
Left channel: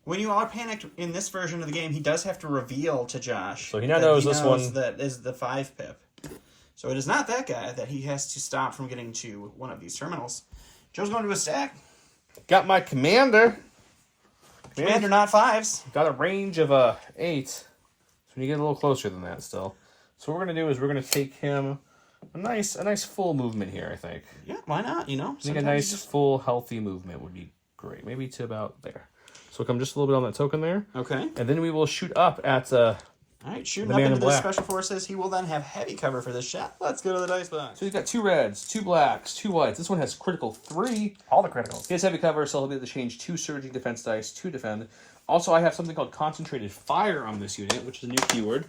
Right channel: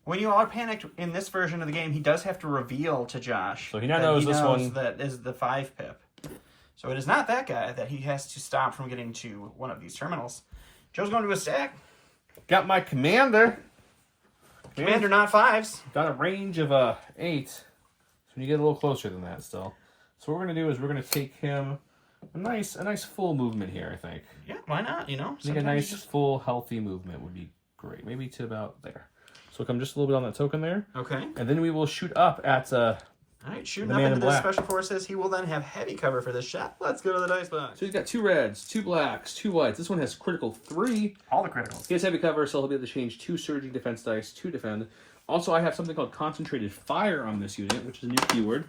when you are panicked in this version of the game, he does have to reveal to Josh. So he now knows this one. That is the 5 pip. So it is not that guy that he has to stop from getting to one of these terminals. Joe's going to his stack. Got my commander. Commander, not 5s. Got a range of 8. So you get a little closer than that still. So what we're going to do is we're going to take him a nice full movement here, I think. Yeah, why not? You know, I think a nice full healthy movement would be great. Maybe to about there. So we'll come just a little bit on that token there. Okay. And then we will shoot up at all right, shooting up into the special forces. He will then have heavy cover for this shot. Let's go to the dice box. So you've got 2 reds, 2 blacks, 2 whites. This one has critical 3. All the criticals. He has heavy cover, so he'll be able to change 2 surging defense dice to defend. Also, I have something called concentrated fire on this unit, which is a new keyword.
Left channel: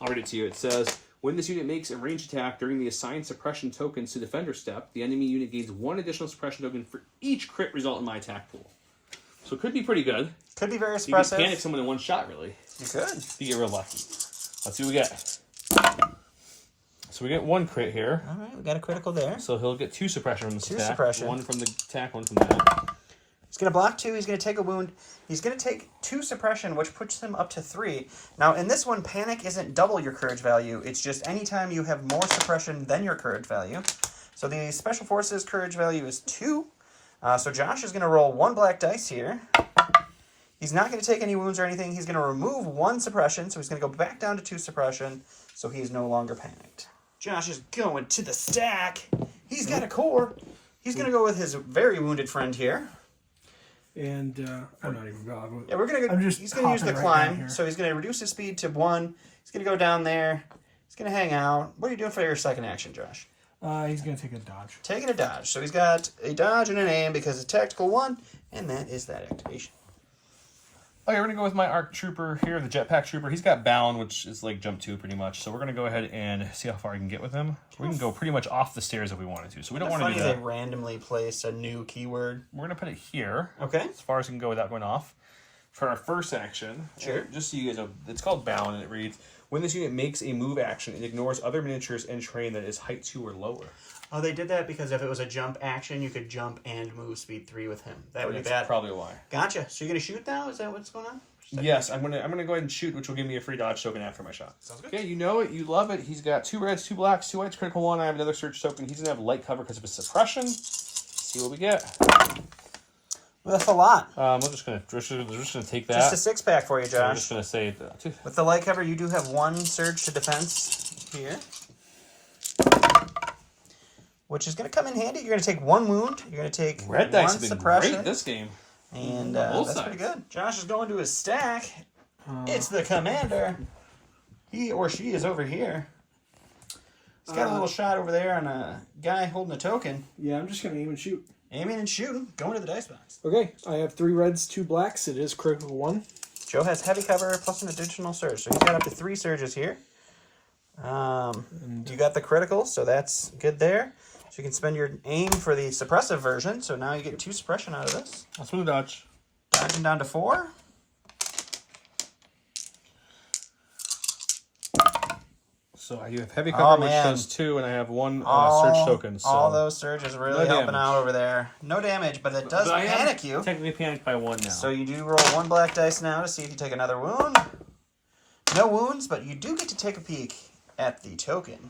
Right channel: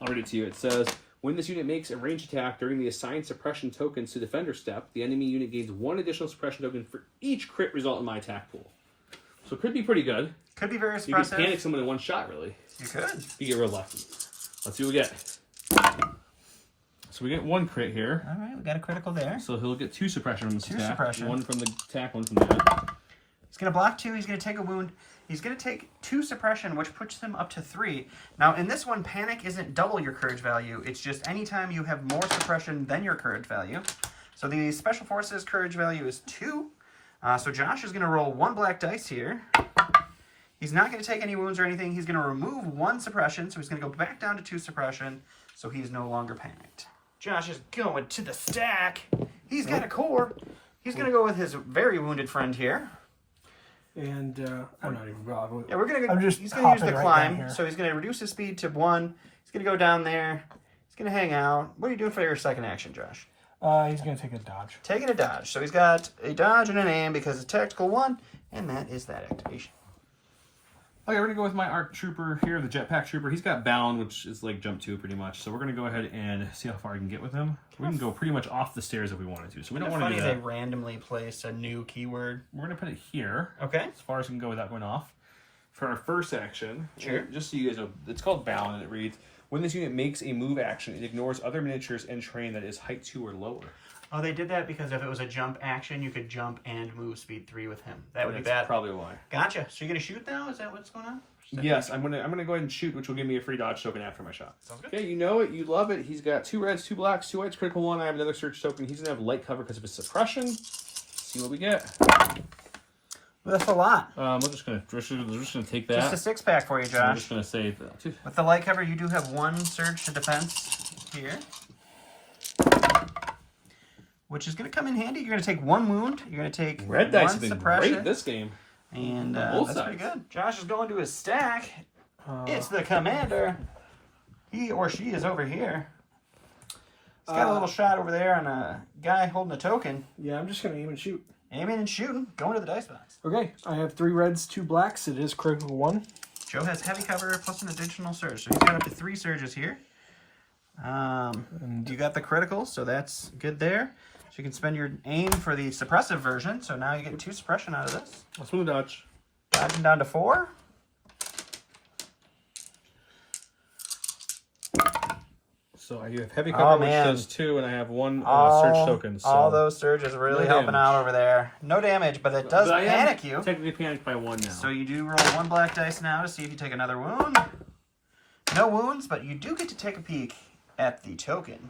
I'll read it to you. It says, when this unit makes a ranged attack during the assigned suppression tokens to defender step, the enemy unit gains 1 additional suppression token for each crit result in my attack pool. So it could be pretty good. Could be very You expressive. can panic someone in 1 shot, really. You could. If you get real lucky. Let's see what we get. So we get 1 crit here. All right, we got a critical there. So he'll get 2 suppression from this 2 attack. suppression. 1 from the attack, 1 from that. He's going to block 2. He's going to take a wound. He's going to take 2 suppression, which puts him up to 3. Now, in this one, panic isn't double your courage value. It's just anytime you have more suppression than your courage value. So the special forces courage value is 2. So Josh is going to roll 1 black dice here. He's not going to take any wounds or anything. He's going to remove 1 suppression, so he's going to go back down to 2 suppression, so he's no longer panicked. Josh is going to the stack. He's got a core. He's going to go with his very wounded friend here. And I'm not even bothered. Yeah, we're gonna go. He's gonna use the climb, so he's gonna reduce his speed to 1. He's gonna go down there. He's gonna hang out. What are you doing for your second action, Josh? He's gonna take a dodge. Taking a dodge. So he's got a dodge and an aim because it's tactical 1, and that is that activation. Okay, we're gonna go with my ARC trooper here, the jetpack trooper. He's got bound, which is like jump 2 pretty much. So we're gonna go ahead and see how far I can get with him. We can go pretty much off the stairs if we wanted to. So we don't want to do that. Funny they randomly place a new keyword. We're gonna put it here. Okay. As far as we can go without going off. For our first action, sure. Just so you guys know, it's called bound, and it reads: when this unit makes a move action, it ignores other miniatures and terrain that is height 2 or lower. Oh, they did that because if it was a jump action, you could jump and move speed 3 with him. That would be bad. Probably why. Gotcha. So you're gonna shoot now? Is that what's going on? Yes, I'm gonna go ahead and shoot, which will give me a free dodge token after my shot. Sounds good. Okay, you know it, you love it. He's got 2 reds, 2 blacks, 2 whites, critical 1. I have another search token. He's gonna have light cover because of his suppression. Let's see what we get. Well, that's a lot. We're just gonna take that. Just a 6-pack for you, So I'm Josh. just gonna save that. With the light cover, you do have 1 surge to defense here, which is going to come in handy. You're going to take 1 wound. You're going to take Red 1 dice have been suppression. great this game. And that's pretty good. Josh is going to his stack. It's the commander. He or she is over here. He's got a little shot over there on a guy holding a token. Yeah, I'm just gonna aim and shoot. Aiming and shooting. Going to the dice box. Okay, I have 3 reds, 2 blacks. It is critical 1. Joe has heavy cover plus an additional surge. So he's got up to 3 surges here. You got the critical, so that's good there. So you can spend your aim for the suppressive version. So now you get 2 suppression out of this. Let's win the dodge. Dodging down to 4. So I have heavy cover, Oh, which man. does 2, and I have 1 surge token. So All those surges really no helping damage. out over there. No damage, but it does But I am panic you. Technically panicked by 1 now. So you do roll 1 black dice now to see if you take another wound. No wounds, but you do get to take a peek at the token.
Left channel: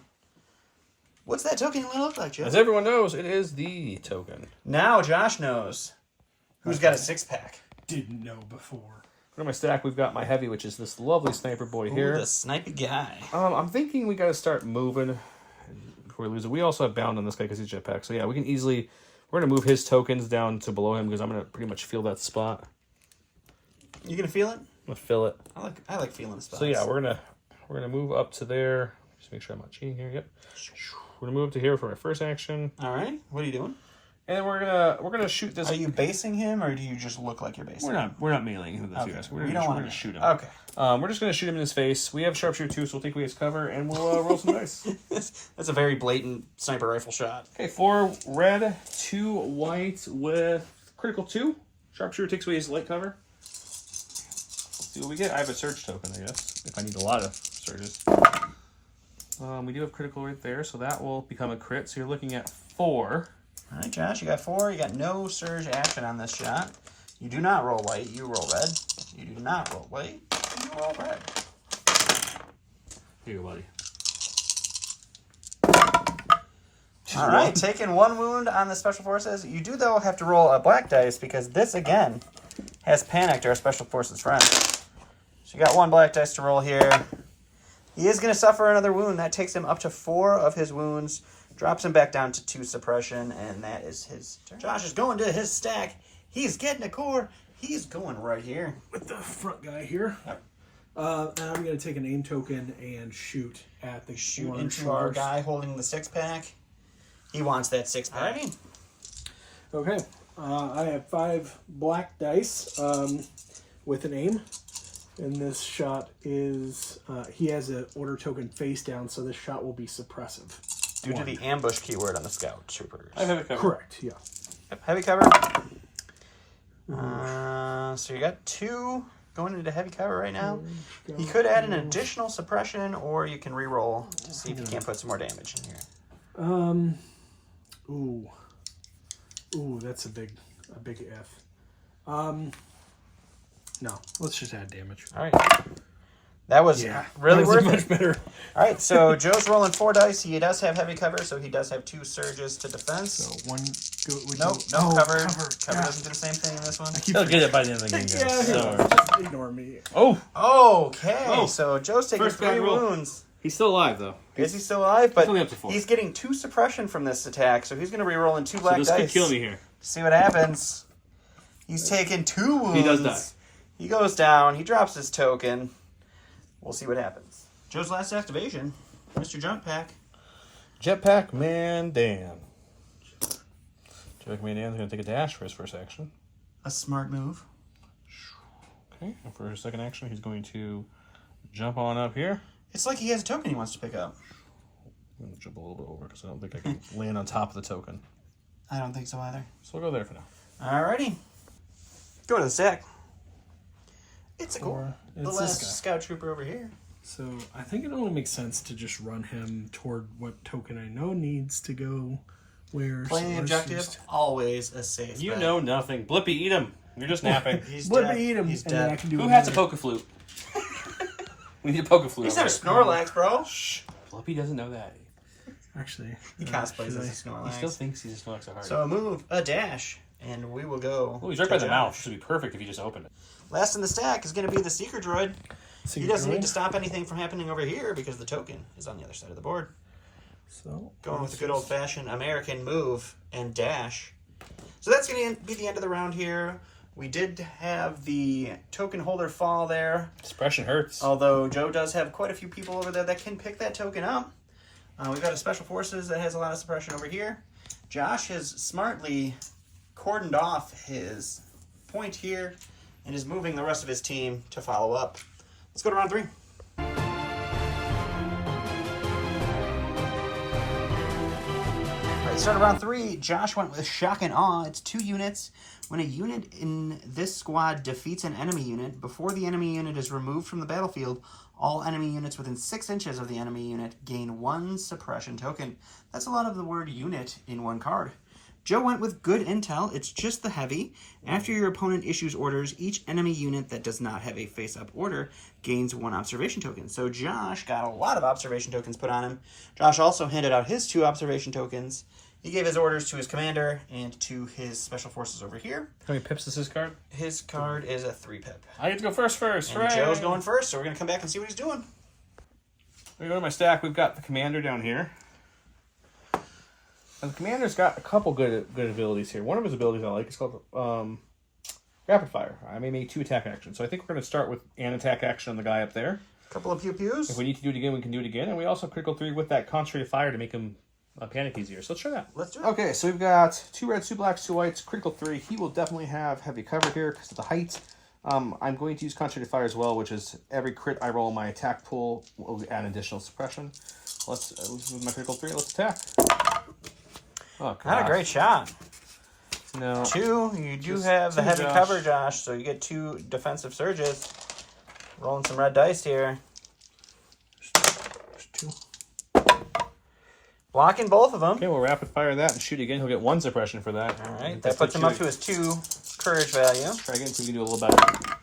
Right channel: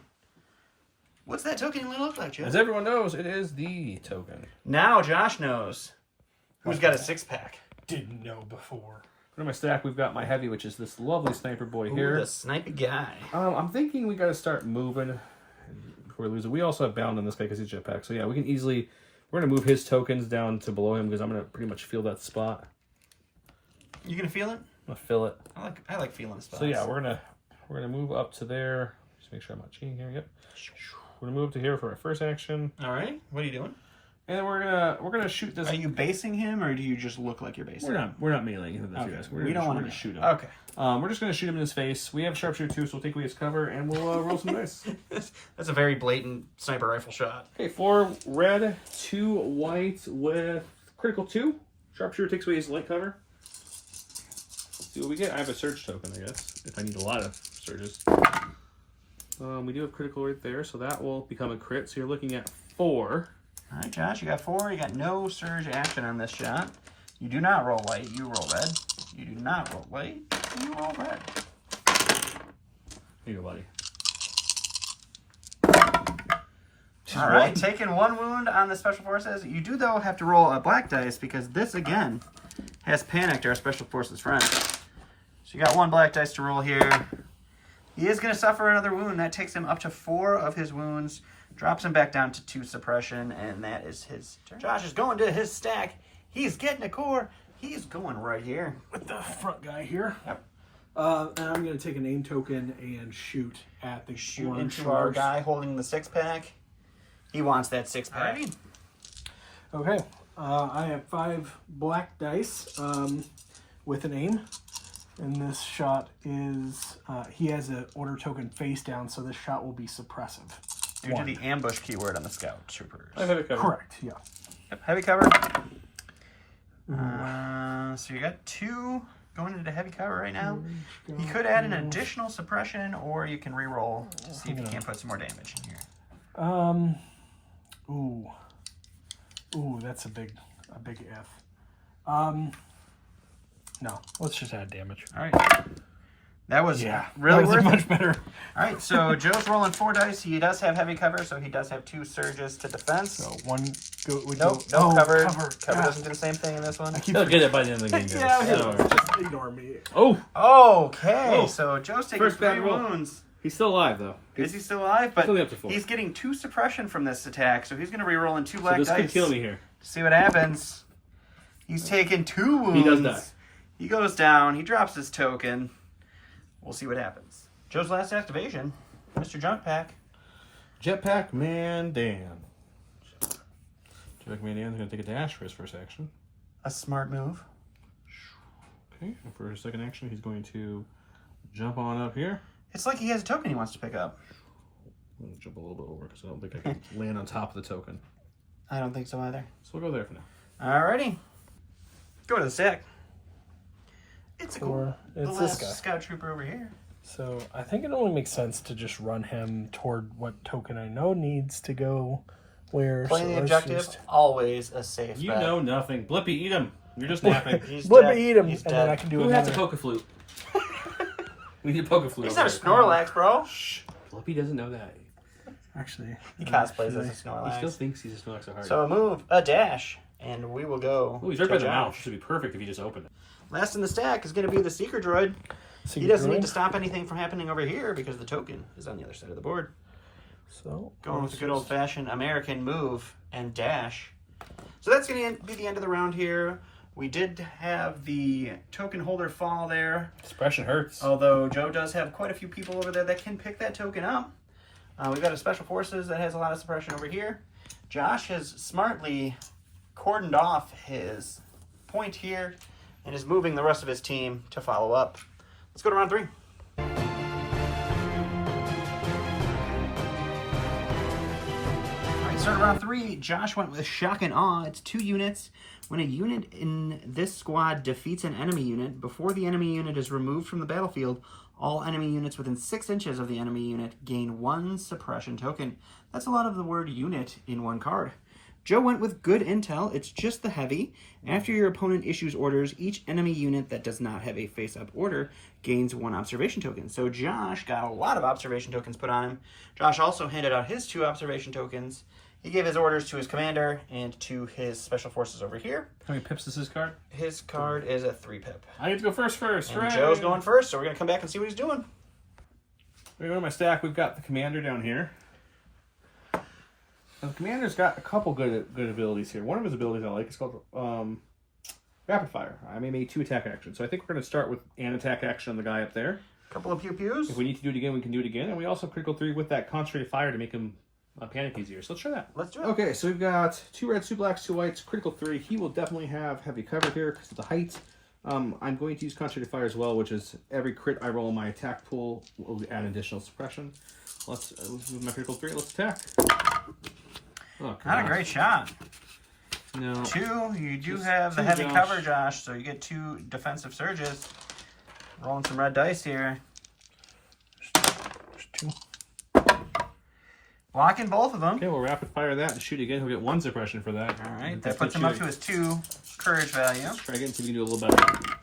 What's that token going to look like, Joe? As everyone knows, it is the token. Now Josh knows who's got a 6-pack. Didn't know before. For my stack, we've got my heavy, which is this lovely sniper boy Ooh, here. the snipey guy. I'm thinking we got to start moving before we lose it. We also have bound on this guy because he's jetpack. So yeah, we can easily. We're gonna move his tokens down to below him because I'm gonna pretty much feel that spot. You gonna feel it? I'm gonna fill it. I like feeling spots. So yeah, we're gonna move up to there. Just make sure I'm not cheating here. Yep. We're gonna move up to here for my first action. All right. What are you doing? And we're gonna shoot this. Are you basing him, or do you just look like you're basing him? We're not mailing him. Okay. Guys. We don't want to to shoot him. Okay. We're just gonna shoot him in his face. We have sharpshooter too, so we'll take away his cover and we'll roll some dice. That's a very blatant sniper rifle shot. Okay, 4 red, 2 white with critical 2. Sharpshooter takes away his light cover. Let's see what we get. I have a surge token, I guess, if I need a lot of surges. We do have critical right there, so that will become a crit. So you're looking at 4. All right, Josh, you got 4. You got no surge action on this shot. You do not roll white. You roll red. You do not roll white. You roll red. Here you go, buddy. All right, taking 1 wound on the special forces. You do, though, have to roll a black dice because this, again, has panicked our special forces friend. So you got 1 black dice to roll here. He is going to suffer another wound. That takes him up to 4 of his wounds, drops him back down to 2 suppression, and that is his turn. Josh is going to his stack. He's getting a core. He's going right here. With the front guy here. Yep. And I'm going to take an aim token and shoot at the Shoot into our guy holding the 6-pack. He wants that 6-pack. Okay. I have 5 black dice with an aim. And this shot is, he has an order token face down, so this shot will be suppressive. Due to the ambush keyword on the scout troopers. I have it covered. Correct, yeah. Yep, heavy cover. So you got 2 going into heavy cover right now. You could add an additional suppression, or you can re-roll to see if you can't put some more damage in here. Ooh, that's a big F. No, let's just add damage. All right. That was really worth much it. better. All right, so Joe's rolling 4 dice. He does have heavy cover, so he does have 2 surges to defense. So 1 go. No cover. Cover doesn't do the same thing in this one. He'll get it by the end of the game. Just ignore me. Okay, so Joe's taking First 3 bad roll. wounds. He's still alive, though. Is he still alive? But only up to 4. he's getting 2 suppression from this attack, so he's going to re-roll in 2 black So this dice. could kill me here. See what happens. He's taking 2 wounds. He does die. He goes down. He drops his token. We'll see what happens. Joe's last activation, Mr. Junk Pack. Jetpack Mandan. Jetpack Mandan's going to take a dash for his first action. A smart move. Okay, and for his second action, he's going to jump on up here. It's like he has a token he wants to pick up. I'm going to jump a little bit over because I don't think I can land on top of the token. I don't think so either. So we'll go there for now. Alrighty. Go to the stack. It's the It's last this guy. scout trooper over here. So I think it only makes sense to just run him toward what token I know needs to go where. Playing the objective, always a safe You bet. know nothing. Blippy, eat him. You're just napping. He's Let dead. me eat him, He's and then I dead. can do Who it. has a poker flute? We need a poker flute. He's not a Snorlax, bro. Shh. Blippy doesn't know that. Actually, He cosplays as a He still Snorlax. thinks he's a Snorlax so hard. So a move, a dash, and we will go. Ooh, he's right by to the mouth. Josh. This would be perfect if he just opened it. Last in the stack is going to be the Seeker Droid. He doesn't need to stop anything from happening over here because the token is on the other side of the board. So Going with a good old-fashioned American move and dash. So that's going to be the end of the round here. We did have the token holder fall there, Suppression hurts. although Joe does have quite a few people over there that can pick that token up. We've got a Special Forces that has a lot of suppression over here. Josh has smartly cordoned off his point here and is moving the rest of his team to follow up. Let's go to round 3. Start of round 3, Josh went with Shock and Awe. It's 2 units. When a unit in this squad defeats an enemy unit, before the enemy unit is removed from the battlefield, all enemy units within 6 inches of the enemy unit gain 1 suppression token. That's a lot of the word unit in one card. Joe went with Good Intel. It's just the heavy. After your opponent issues orders, each enemy unit that does not have a face-up order gains 1 observation token. So Josh got a lot of observation tokens put on him. Josh also handed out his 2 observation tokens. He gave his orders to his commander and to his special forces over here. How many pips is his card? His card is a 3-pip. I get to go first. And Hooray. Joe's going first, so we're going to come back and see what he's doing. We're going to my stack. We've got the commander down here. And the commander's got a couple good abilities here. One of his abilities I like is called Rapid Fire. I may make 2 attack actions. So I think we're going to start with an attack action on the guy up there. Couple of pew-pews. If we need to do it again, we can do it again. And we also critical 3 with that concentrated fire to make him panic easier. So let's try that. Let's do it. Okay, so we've got 2 reds, 2 blacks, 2 whites, critical 3. He will definitely have heavy cover here because of the height. I'm going to use concentrated fire as well, which is every crit I roll my attack pool will add additional suppression. Let's with my critical 3. Let's attack. Oh, Not a great shot. No. 2, you do Just have the 2, heavy Josh. cover, Josh, so you get 2 defensive surges. Rolling some red dice here. There's 2. Blocking both of them. Okay, we'll rapid fire that and shoot again. He'll get 1 suppression for that. All right, that puts him up to his 2 courage value. Try again, see if we can do a little better.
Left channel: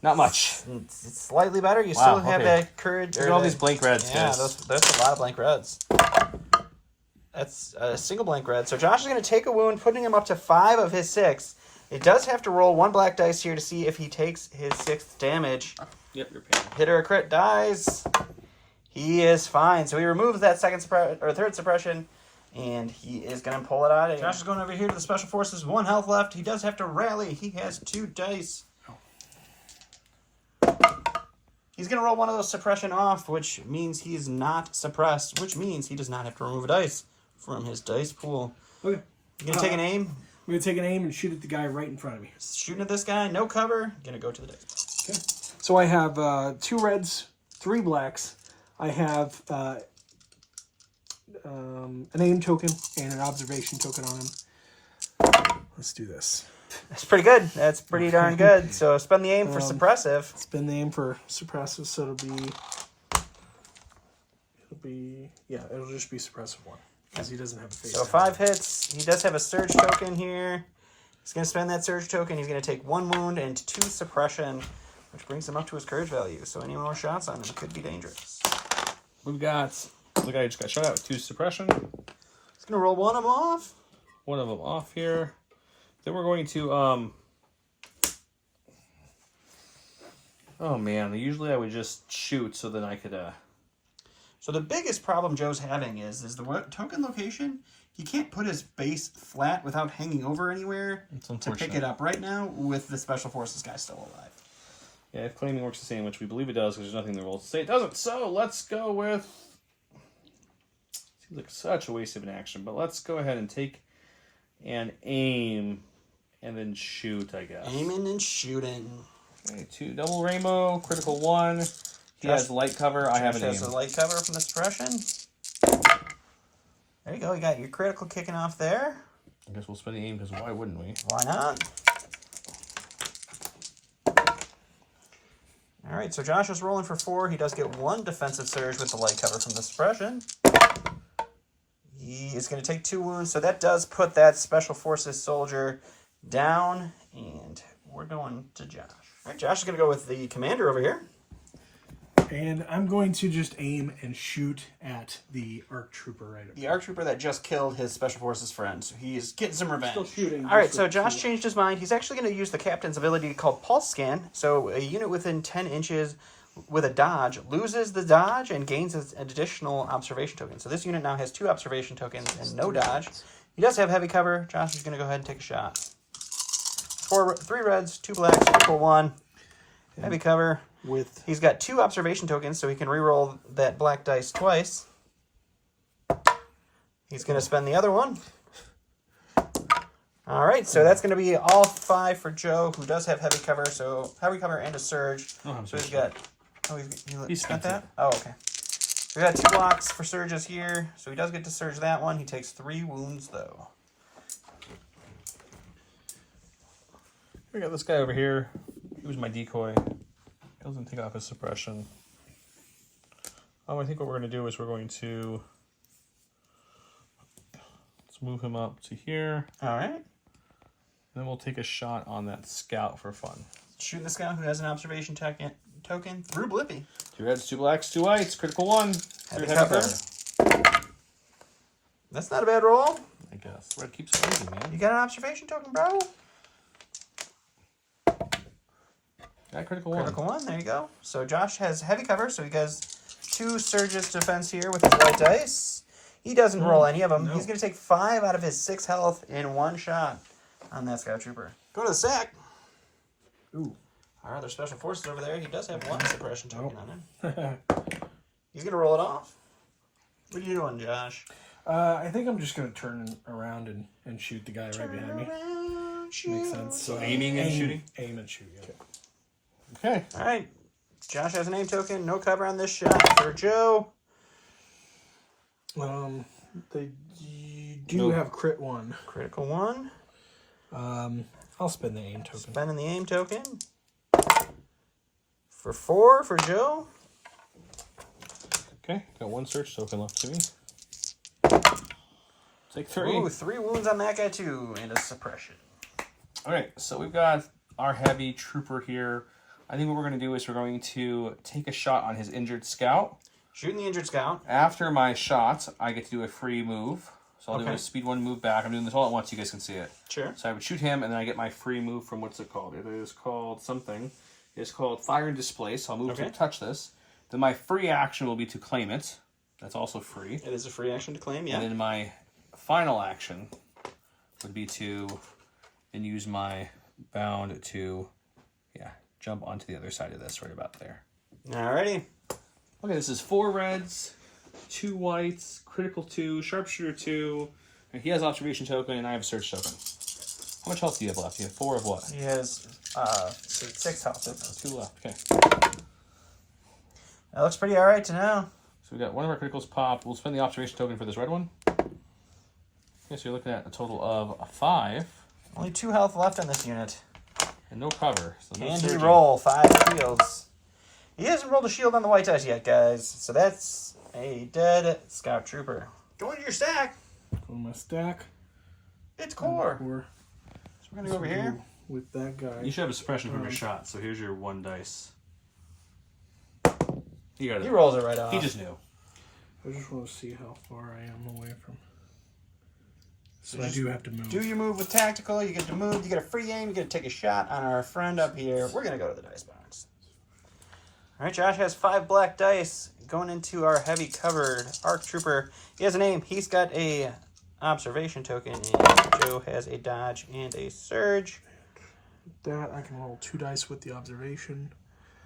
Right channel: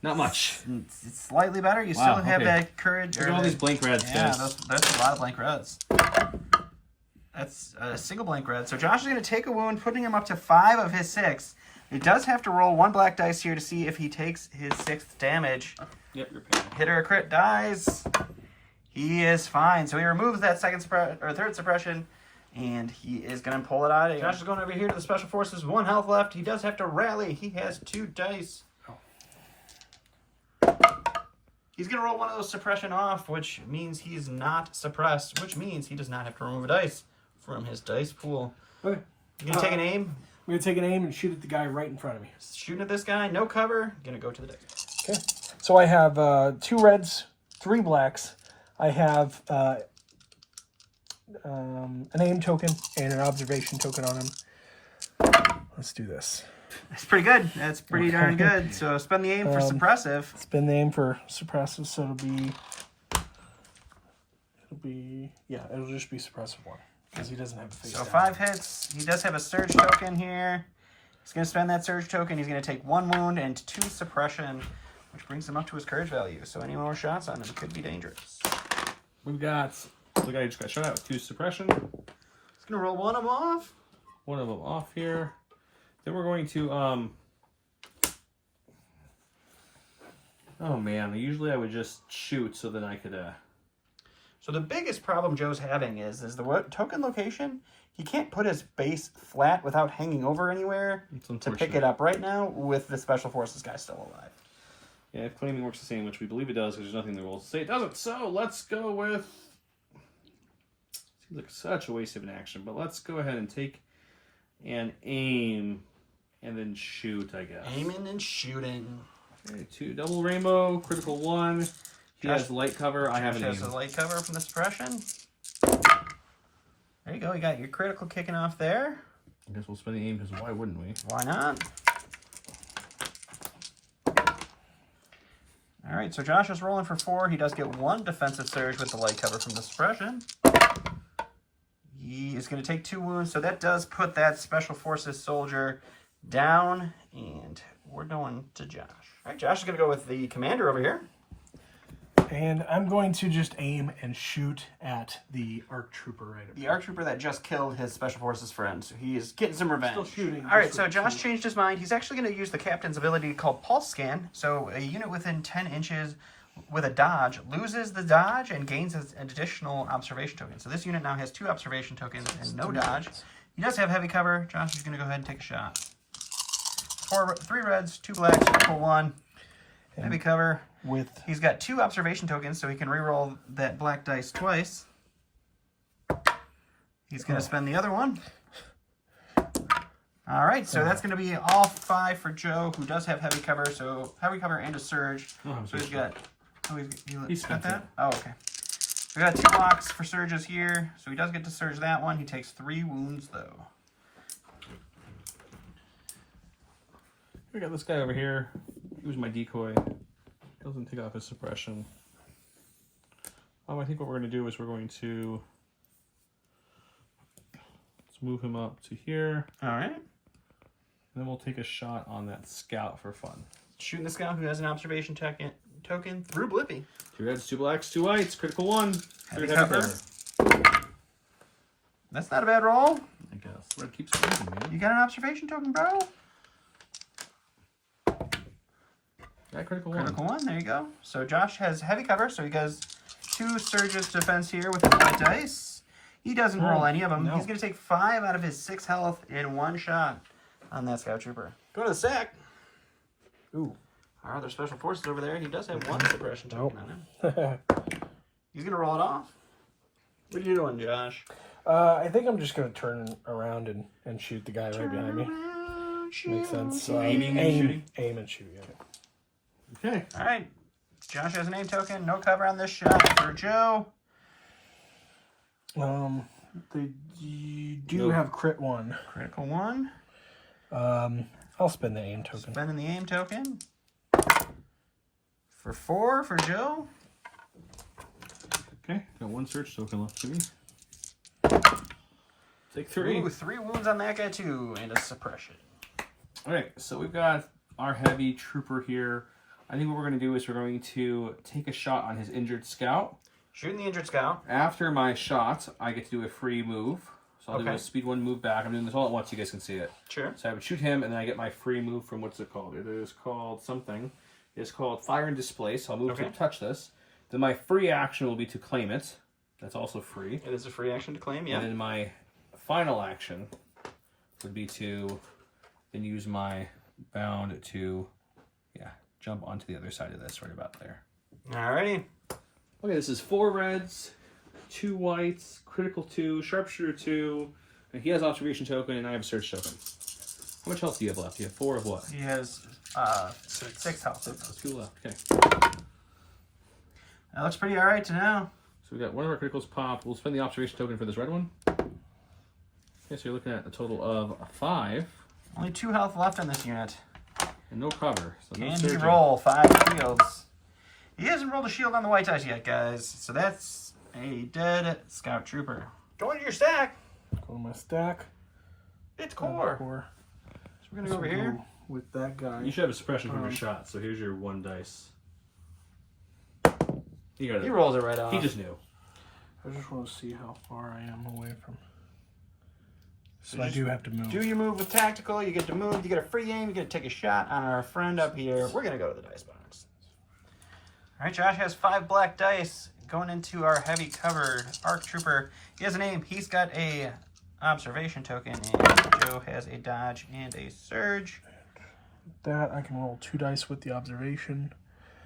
Not much. It's slightly better. You still have that courage. Look at all these blank reds. Yeah, that's a lot of blank reds. That's a single blank red. So Josh is going to take a wound, putting him up to 5 of his 6. He does have to roll 1 black dice here to see if he takes his 6th damage. Yep, you're paying. Hit or a crit dies. He is fine. So he removes that 3rd suppression, and he is going to pull it out. Josh is going over here to the Special Forces. 1 health left. He does have to rally. He has 2 dice. He's going to roll one of those suppression off, which means he's not suppressed, which means he does not have to remove a dice from his dice pool. Okay. You going to take an aim? I'm going to take an aim and shoot at the guy right in front of me. Shooting at this guy, no cover. Going to go to the dice. Okay. So I have 2 reds, 3 blacks. I have an aim token and an observation token on him. Let's do this. That's pretty good. That's pretty darn good. So spend the aim for suppressive. Spend the aim for suppressive, so it'll just be suppressive 1. Because he doesn't have a face. So 5 hits. He does have a surge token here. He's going to spend that surge token. He's going to take 1 wound and 2 suppression, which brings him up to his courage value. So any more shots on him could be dangerous. We've got... The guy just got shot at with 2 suppression. He's going to roll 1 of them off. 1 of them off here. Then we're going to... Oh, man. Usually I would just shoot so then I could... So the biggest problem Joe's having is the token location. He can't put his base flat without hanging over anywhere to pick it up right now with the Special Forces guy still alive. Yeah, if claiming works the same, which we believe it does, because there's nothing in the rules to say it doesn't. So let's go with... Seems like such a waste of an action, but let's go ahead and take an aim and then shoot, I guess. Aiming and shooting. Okay, 2 double rainbow, critical 1. He has light cover. I have an aim. Has a light cover from the suppression. There you go. You got your critical kicking off there. I guess we'll spend the aim because why wouldn't we? Why not? All right, so Josh is rolling for 4. He does get 1 defensive surge with the light cover from the suppression. He is going to take 2 wounds, so that does put that Special Forces soldier down, and we're going to Josh. All right, Josh is going to go with the commander over here. And I'm going to just aim and shoot at the ARC Trooper right now. The ARC Trooper that just killed his Special Forces friend, so he is getting some revenge. Still shooting. All right, so Josh changed his mind. He's actually going to use the captain's ability called Pulse Scan. So a unit within 10 inches with a dodge loses the dodge and gains an additional observation token. So this unit now has 2 observation tokens and no dodge. He does have heavy cover. Josh is going to go ahead and take a shot. 3 reds, 2 blacks, critical 1. Heavy cover. He's got 2 observation tokens, so he can reroll that black dice twice. He's going to spend the other one. All right, so that's going to be all 5 for Joe, who does have heavy cover. So heavy cover and a surge. Oh, so he's got... Oh, he's got that? It. Oh, okay. We got 2 blocks for surges here, so he does get to surge that one. He takes 3 wounds, though. We got this guy over here. Who's my decoy? Doesn't take off his suppression. I think what we're going to do is we're going to... Let's move him up to here. All right. And then we'll take a shot on that scout for fun. Shooting the scout who has an observation token through Blippi. 2 reds, 2 blacks, 2 whites, critical 1. Heavy cover. That's not a bad roll. I guess. Red keeps squeezing, man. You got an observation token, bro? Got critical 1. Critical 1, there you go. So Josh has heavy cover, so he does 2 surges defense here with his white dice. He doesn't roll any of them. No. He's going to take 5 out of his 6 health in 1 shot on that Scout Trooper. Go to the sack. Ooh. Our other Special Forces over there, he does have 1 suppression token on him. He's going to roll it off. What are you doing, Josh? I think I'm just going to turn around and shoot the guy right behind me. Makes sense. So aiming and shooting? Aim and shooting. Okay. All right. Josh has a name token. No cover on this shot for Joe. They do have crit 1. Critical 1. I'll spend the aim token. Spending the aim token. For 4 for Joe. Okay, got 1 search token left to me. Take 3. Ooh, 3 wounds on that guy too, and a suppression. All right, so we've got our heavy trooper here. I think what we're going to do is we're going to take a shot on his injured scout. Shooting the injured scout. After my shot, I get to do a free move. So I'll do a speed 1 move back. I'm doing this all at once so you guys can see it. Sure. So I would shoot him, and then I get my free move from, what's it called? It is called something. It's called Fire and Displace. So I'll move to touch this. Then my free action will be to claim it. That's also free. It is a free action to claim, yeah. And then my final action would be to then use my bound to, jump onto the other side of this, right about there. Alrighty. Okay, this is 4 reds, 2 whites, critical 2, sharpshooter 2, and he has observation token, and I have search token. How much health do you have left? You have 4 of what? He has 6 health. Oh, 2 left. Okay. That looks pretty alright to know. So we got one of our criticals pop. We'll spend the observation token for this red one. Okay, so you're looking at a total of 5. Only 2 health left on this unit. And no cover. So no Can he surging. roll 5 shields? He hasn't rolled a shield on the white dice yet, guys. So that's a dead scout trooper. Go into your stack. Go to my stack. It's core. Core. So we're going to go over here. With that guy. You should have a suppression from your shot, so here's your 1 dice. He rolls it right off. He just knew. I just want to see how far I am away from. So I do have to move. Do your move with tactical. You get to move. You get a free aim. You get to take a shot on our friend up here. We're going to go to the dice box. All right, Josh has 5 black dice going into our heavy covered arc trooper. He has a name. He's got a observation token, and Joe has a dodge and a surge. That I can roll 2 dice with the observation.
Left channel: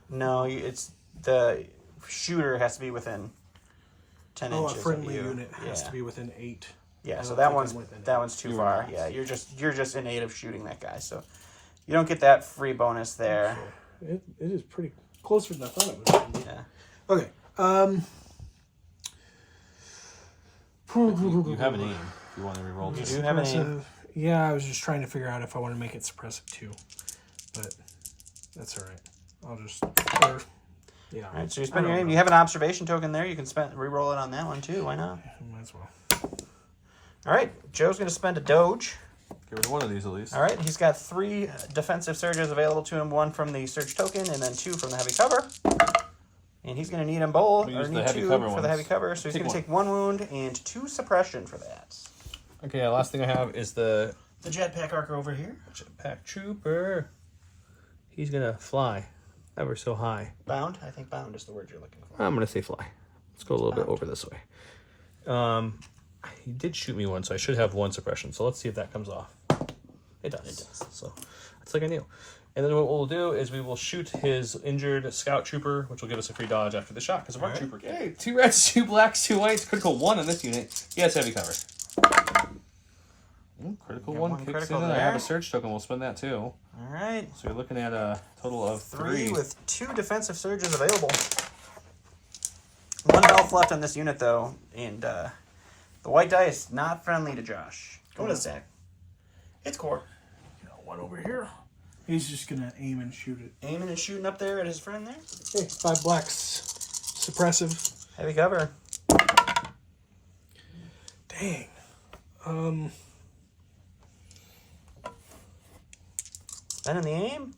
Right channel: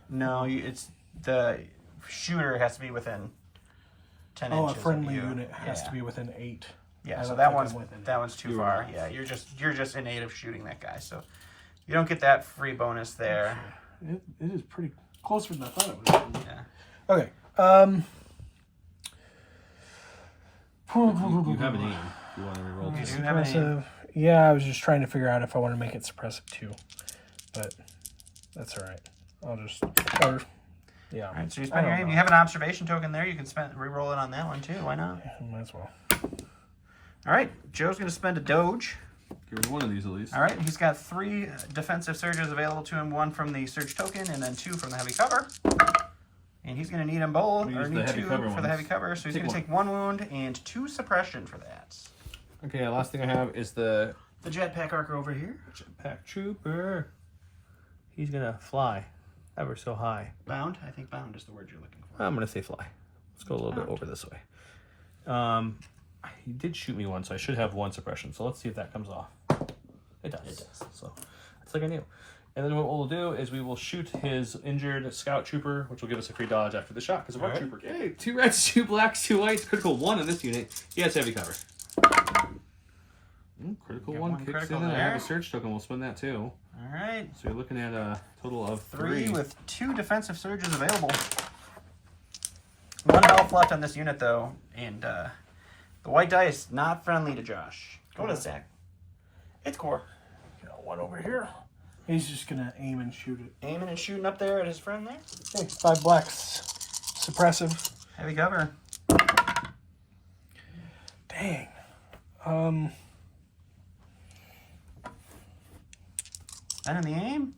No, it's the shooter has to be within 10 inches a friendly of you. unit has to be within 8. Yeah, so that one's too far. Yeah, you're just innate of shooting that guy, so you don't get that free bonus there. It is pretty closer than I thought it was. Yeah. Okay. You have a name if you want to reroll. You do have a name. Yeah, I was just trying to figure out if I want to make it suppressive too, but that's all right. I'll just. Yeah. All right, so you spend your aim. You have an observation token there. You can re-roll it on that one too. Why not? Yeah, might as well. All right, Joe's going to spend a doge. Give us 1 of these at least. All right, he's got 3 defensive surges available to him. 1 from the surge token, and then 2 from the heavy cover. And he's going to need them both. We Or use the need heavy 2 cover for the ones. heavy cover. So he's going to take 1 wound and 2 suppression for that. Okay, last thing I have is the jetpack archer over here. jetpack trooper. He's going to fly ever so high. Bound. I think bound is the word you're looking for. I'm going to say fly. Let's go a little bit over this way. He did shoot me 1, so I should have 1 suppression. So let's see if that comes off. It does. It does. So it's like I knew. And then what we'll do is we will shoot his injured scout trooper, which will give us a free dodge after the shot because of our trooper. Okay, 2 reds, 2 blacks, 2 whites. Critical 1 on this unit. He has heavy cover. Critical 1 kicks critical in. I have a there. search token. We'll spend that too. All right. So you're looking at a total of 3 3 with 2 defensive surges available. 1 health left on this unit though, and the white dice not friendly to Josh. Go to the stack. It's core. Got 1 over here. He's just gonna aim and shoot it. Aiming and shooting up there at his friend there. Hey, 5 blacks. Suppressive. Heavy cover. Dang. Spending the aim.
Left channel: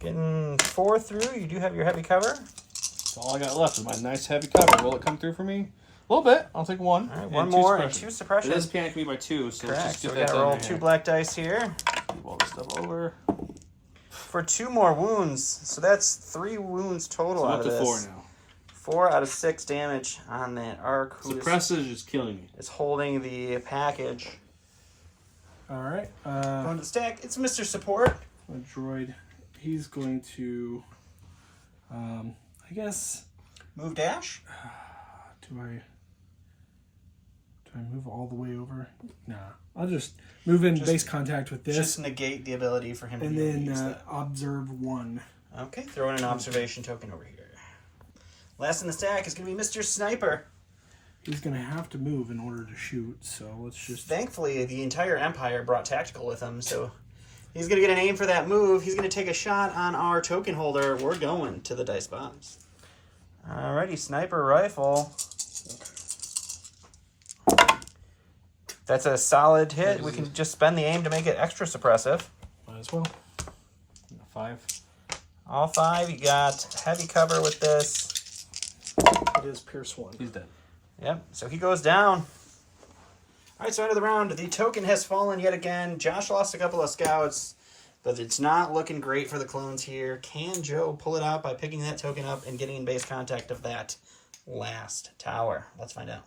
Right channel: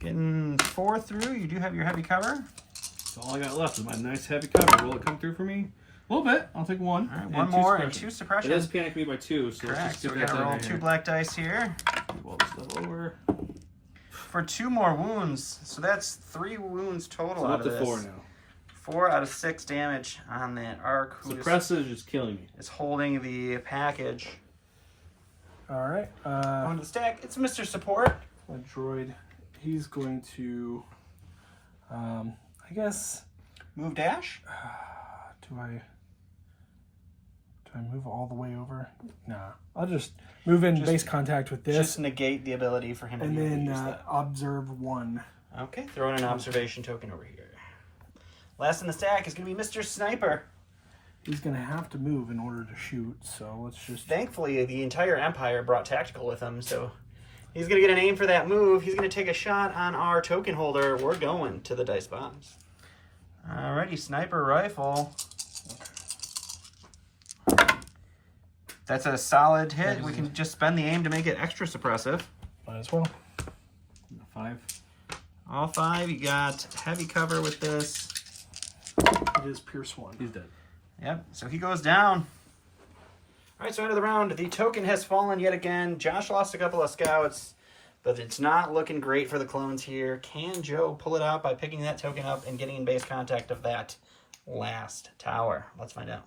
Getting 4 through. You do have your heavy cover. That's all I got left is my nice heavy cover. Will it come through for me? A little bit. I'll take 1. All right, and 1 2 more and suppression. 2 suppression. It does panic me by 2, so let's just So get we that gotta done roll right 2 here. black dice here. Move all this stuff over. For 2 more wounds. So that's 3 wounds total So I'm out up of to this. 4 now. 4 out of 6 damage on that arc. Who Suppressive is killing me. is holding the package. All right. Going to the stack. It's Mr. Support. My droid. He's going to. I guess. Move dash. Do I move all the way over? Nah. I'll just move in base contact with this. Just negate the ability for him to and be able to then use that. observe 1. Okay, throw in an observation token over here. Last in the stack is going to be Mr. Sniper. He's going to have to move in order to shoot, so let's just... Thankfully, the entire Empire brought tactical with him, so he's going to get an aim for that move. He's going to take a shot on our token holder. We're going to the dice box. Alrighty, Sniper Rifle. That's a solid hit. We can just spend the aim to make it extra suppressive. Might as well. 5. All 5. You got heavy cover with this. It is Pierce 1. He's dead. Yep, so he goes down. All right, so end of the round. The token has fallen yet again. Josh lost a couple of scouts, but it's not looking great for the clones here. Can Joe pull it out by picking that token up and getting in base contact of that last tower? Let's find out.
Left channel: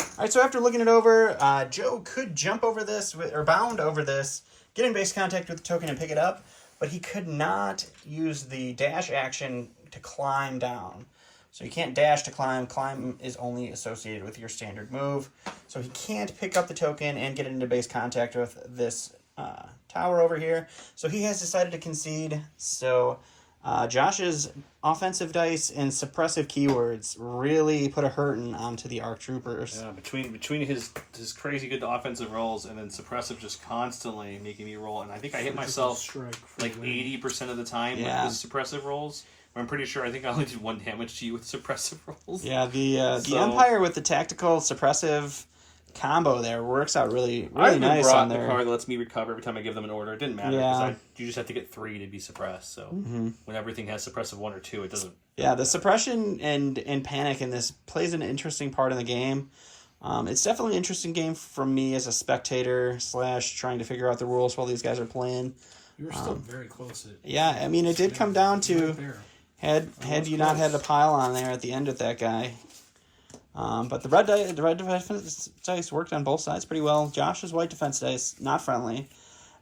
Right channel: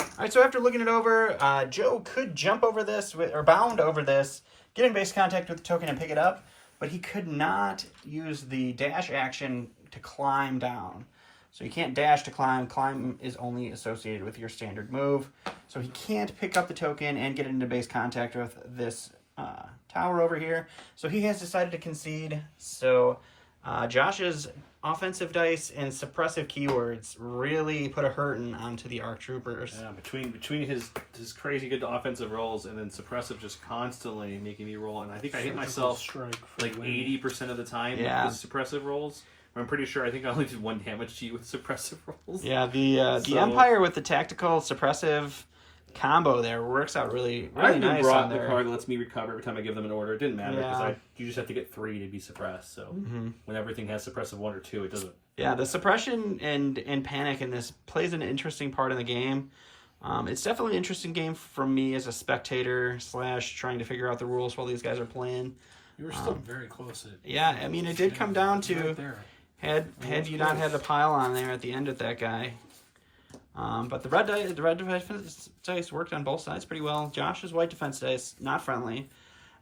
All right, so after looking it over, Joe could jump over this, or bound over this, get in base contact with the token and pick it up, but he could not use the dash action to climb down. So you can't dash to climb. Climb is only associated with your standard move. So he can't pick up the token and get into base contact with this tower over here. So he has decided to concede. So Josh's offensive dice and suppressive keywords really put a hurting onto the ARC troopers. Yeah, between his crazy good offensive rolls and then suppressive just constantly making me roll. And I think I hit myself like 80% of the time with the suppressive rolls. I'm pretty sure I think I only did 1 damage to you with suppressive rolls. Yeah, the Empire with the tactical suppressive combo there works out really nice brought on the there. card that lets me recover every time I give them an order. It didn't matter because you just have to get 3 to be suppressed. So when everything has suppressive 1 or 2, it doesn't. Yeah, the suppression and panic in this plays an interesting part in the game. It's definitely an interesting game for me as a spectator / trying to figure out the rules while these guys are playing. You were still very close. Yeah, I mean, it did come down to had you not had the pile on there at the end with that guy. But the red defense dice worked on both sides pretty well. Josh's white defense dice, not friendly.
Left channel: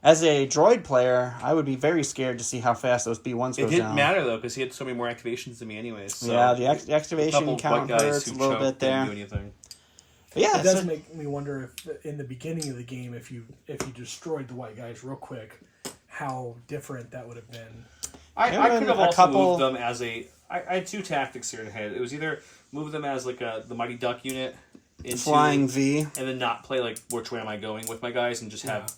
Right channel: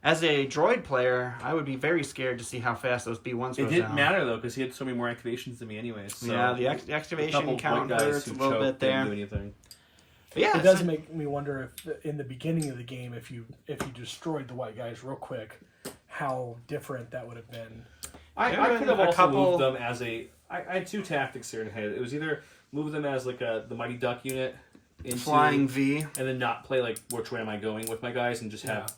As a droid player, I would be very scared to see how fast those B1s go down. It didn't matter, though, because he had so many more activations than me anyways. So yeah, the activation count hurts a little bit there. Do anything. But yeah, it does make me wonder if in the beginning of the game, if you destroyed the white guys real quick, how different that would have been. I could have also moved them as a... I had 2 tactics here in head. It was either move them as like the Mighty Duck unit into... Flying V. And then not play like, which way am I going with my guys, and just have... Yeah.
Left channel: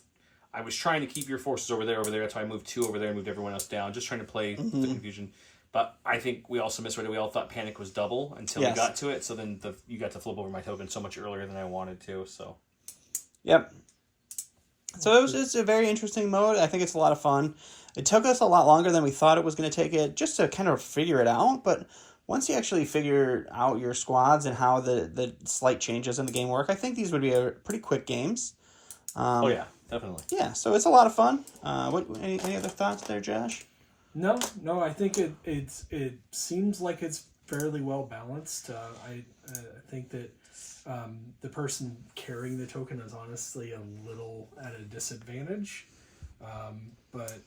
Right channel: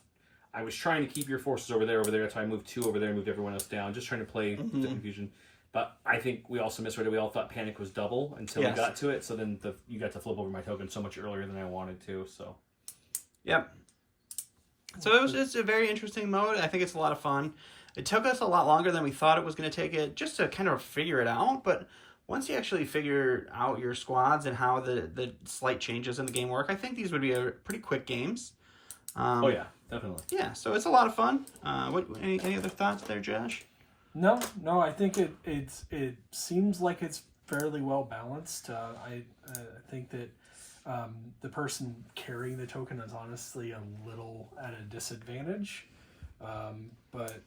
I was trying to keep your forces over there. That's why I moved 2 over there and moved everyone else down. Just trying to play the confusion. But I think we also misread it. We all thought panic was double until we got to it. So then you got to flip over my token so much earlier than I wanted to. So, yep. So it's a very interesting mode. I think it's a lot of fun. It took us a lot longer than we thought it was going to take it just to kind of figure it out. But once you actually figure out your squads and how the slight changes in the game work, I think these would be pretty quick games. Oh, yeah, definitely. Yeah, so it's a lot of fun. Any other thoughts there, Josh? No, I think it seems like it's fairly well balanced. I think that the person carrying the token is honestly a little at a disadvantage, but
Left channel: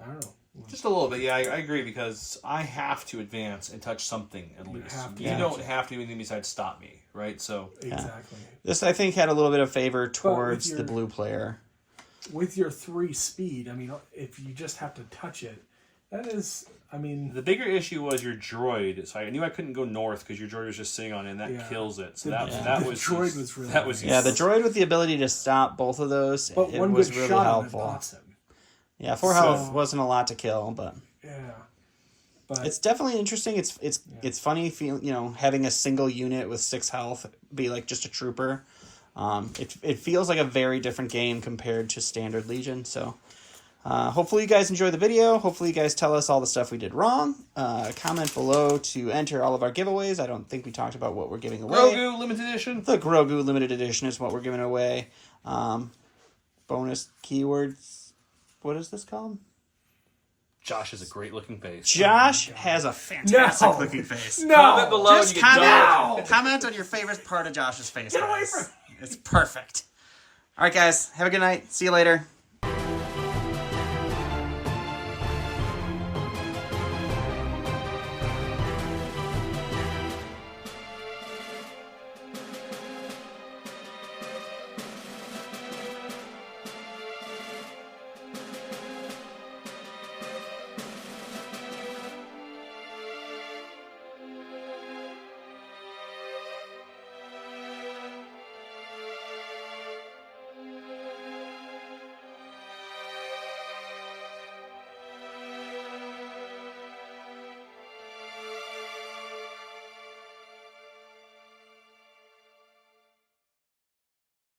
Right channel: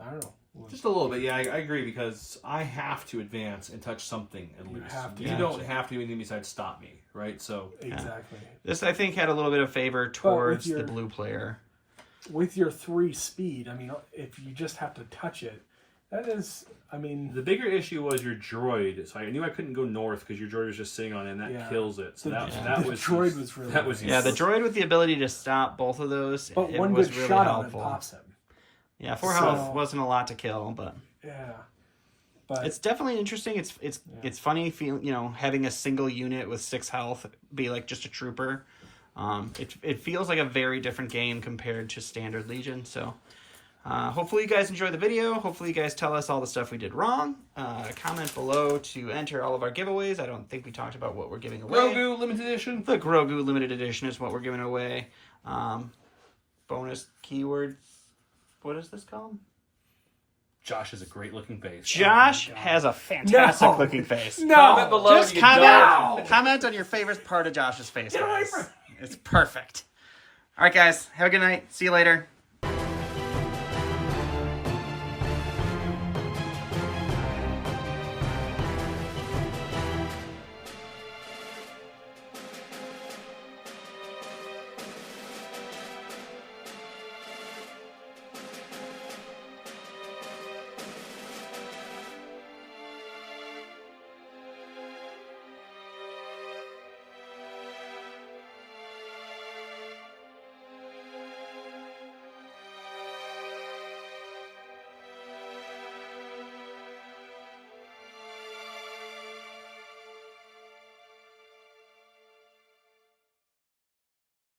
I don't know. Just a little bit, yeah. I agree because I have to advance and touch something at least. You don't have to do anything besides stop me, right? So exactly. This I think had a little bit of favor towards the blue player. With your 3 speed, I mean, if you just have to touch it, that is, I mean... The bigger issue was your droid. So I knew I couldn't go north because your droid was just sitting on it, and that kills it. So that was... The droid was really... the droid with the ability to stop both of those, but it one was good really shot helpful. On it pops him. Yeah, 4 health wasn't a lot to kill, but... Yeah. But it's definitely interesting. It's funny, having a single unit with 6 health be like just a trooper. It feels like a very different game compared to standard Legion, so... hopefully you guys enjoy the video. Hopefully you guys tell us all the stuff we did wrong. Comment below to enter all of our giveaways. I don't think we talked about what we're giving away. Grogu Limited Edition. The Grogu Limited Edition is what we're giving away. Bonus keywords. What is this called? Josh has a great looking face. Josh has a fantastic looking face. No! Comment below. Just comment on your favorite part of Josh's face, guys. It's perfect. All right, guys. Have a good night. See you later.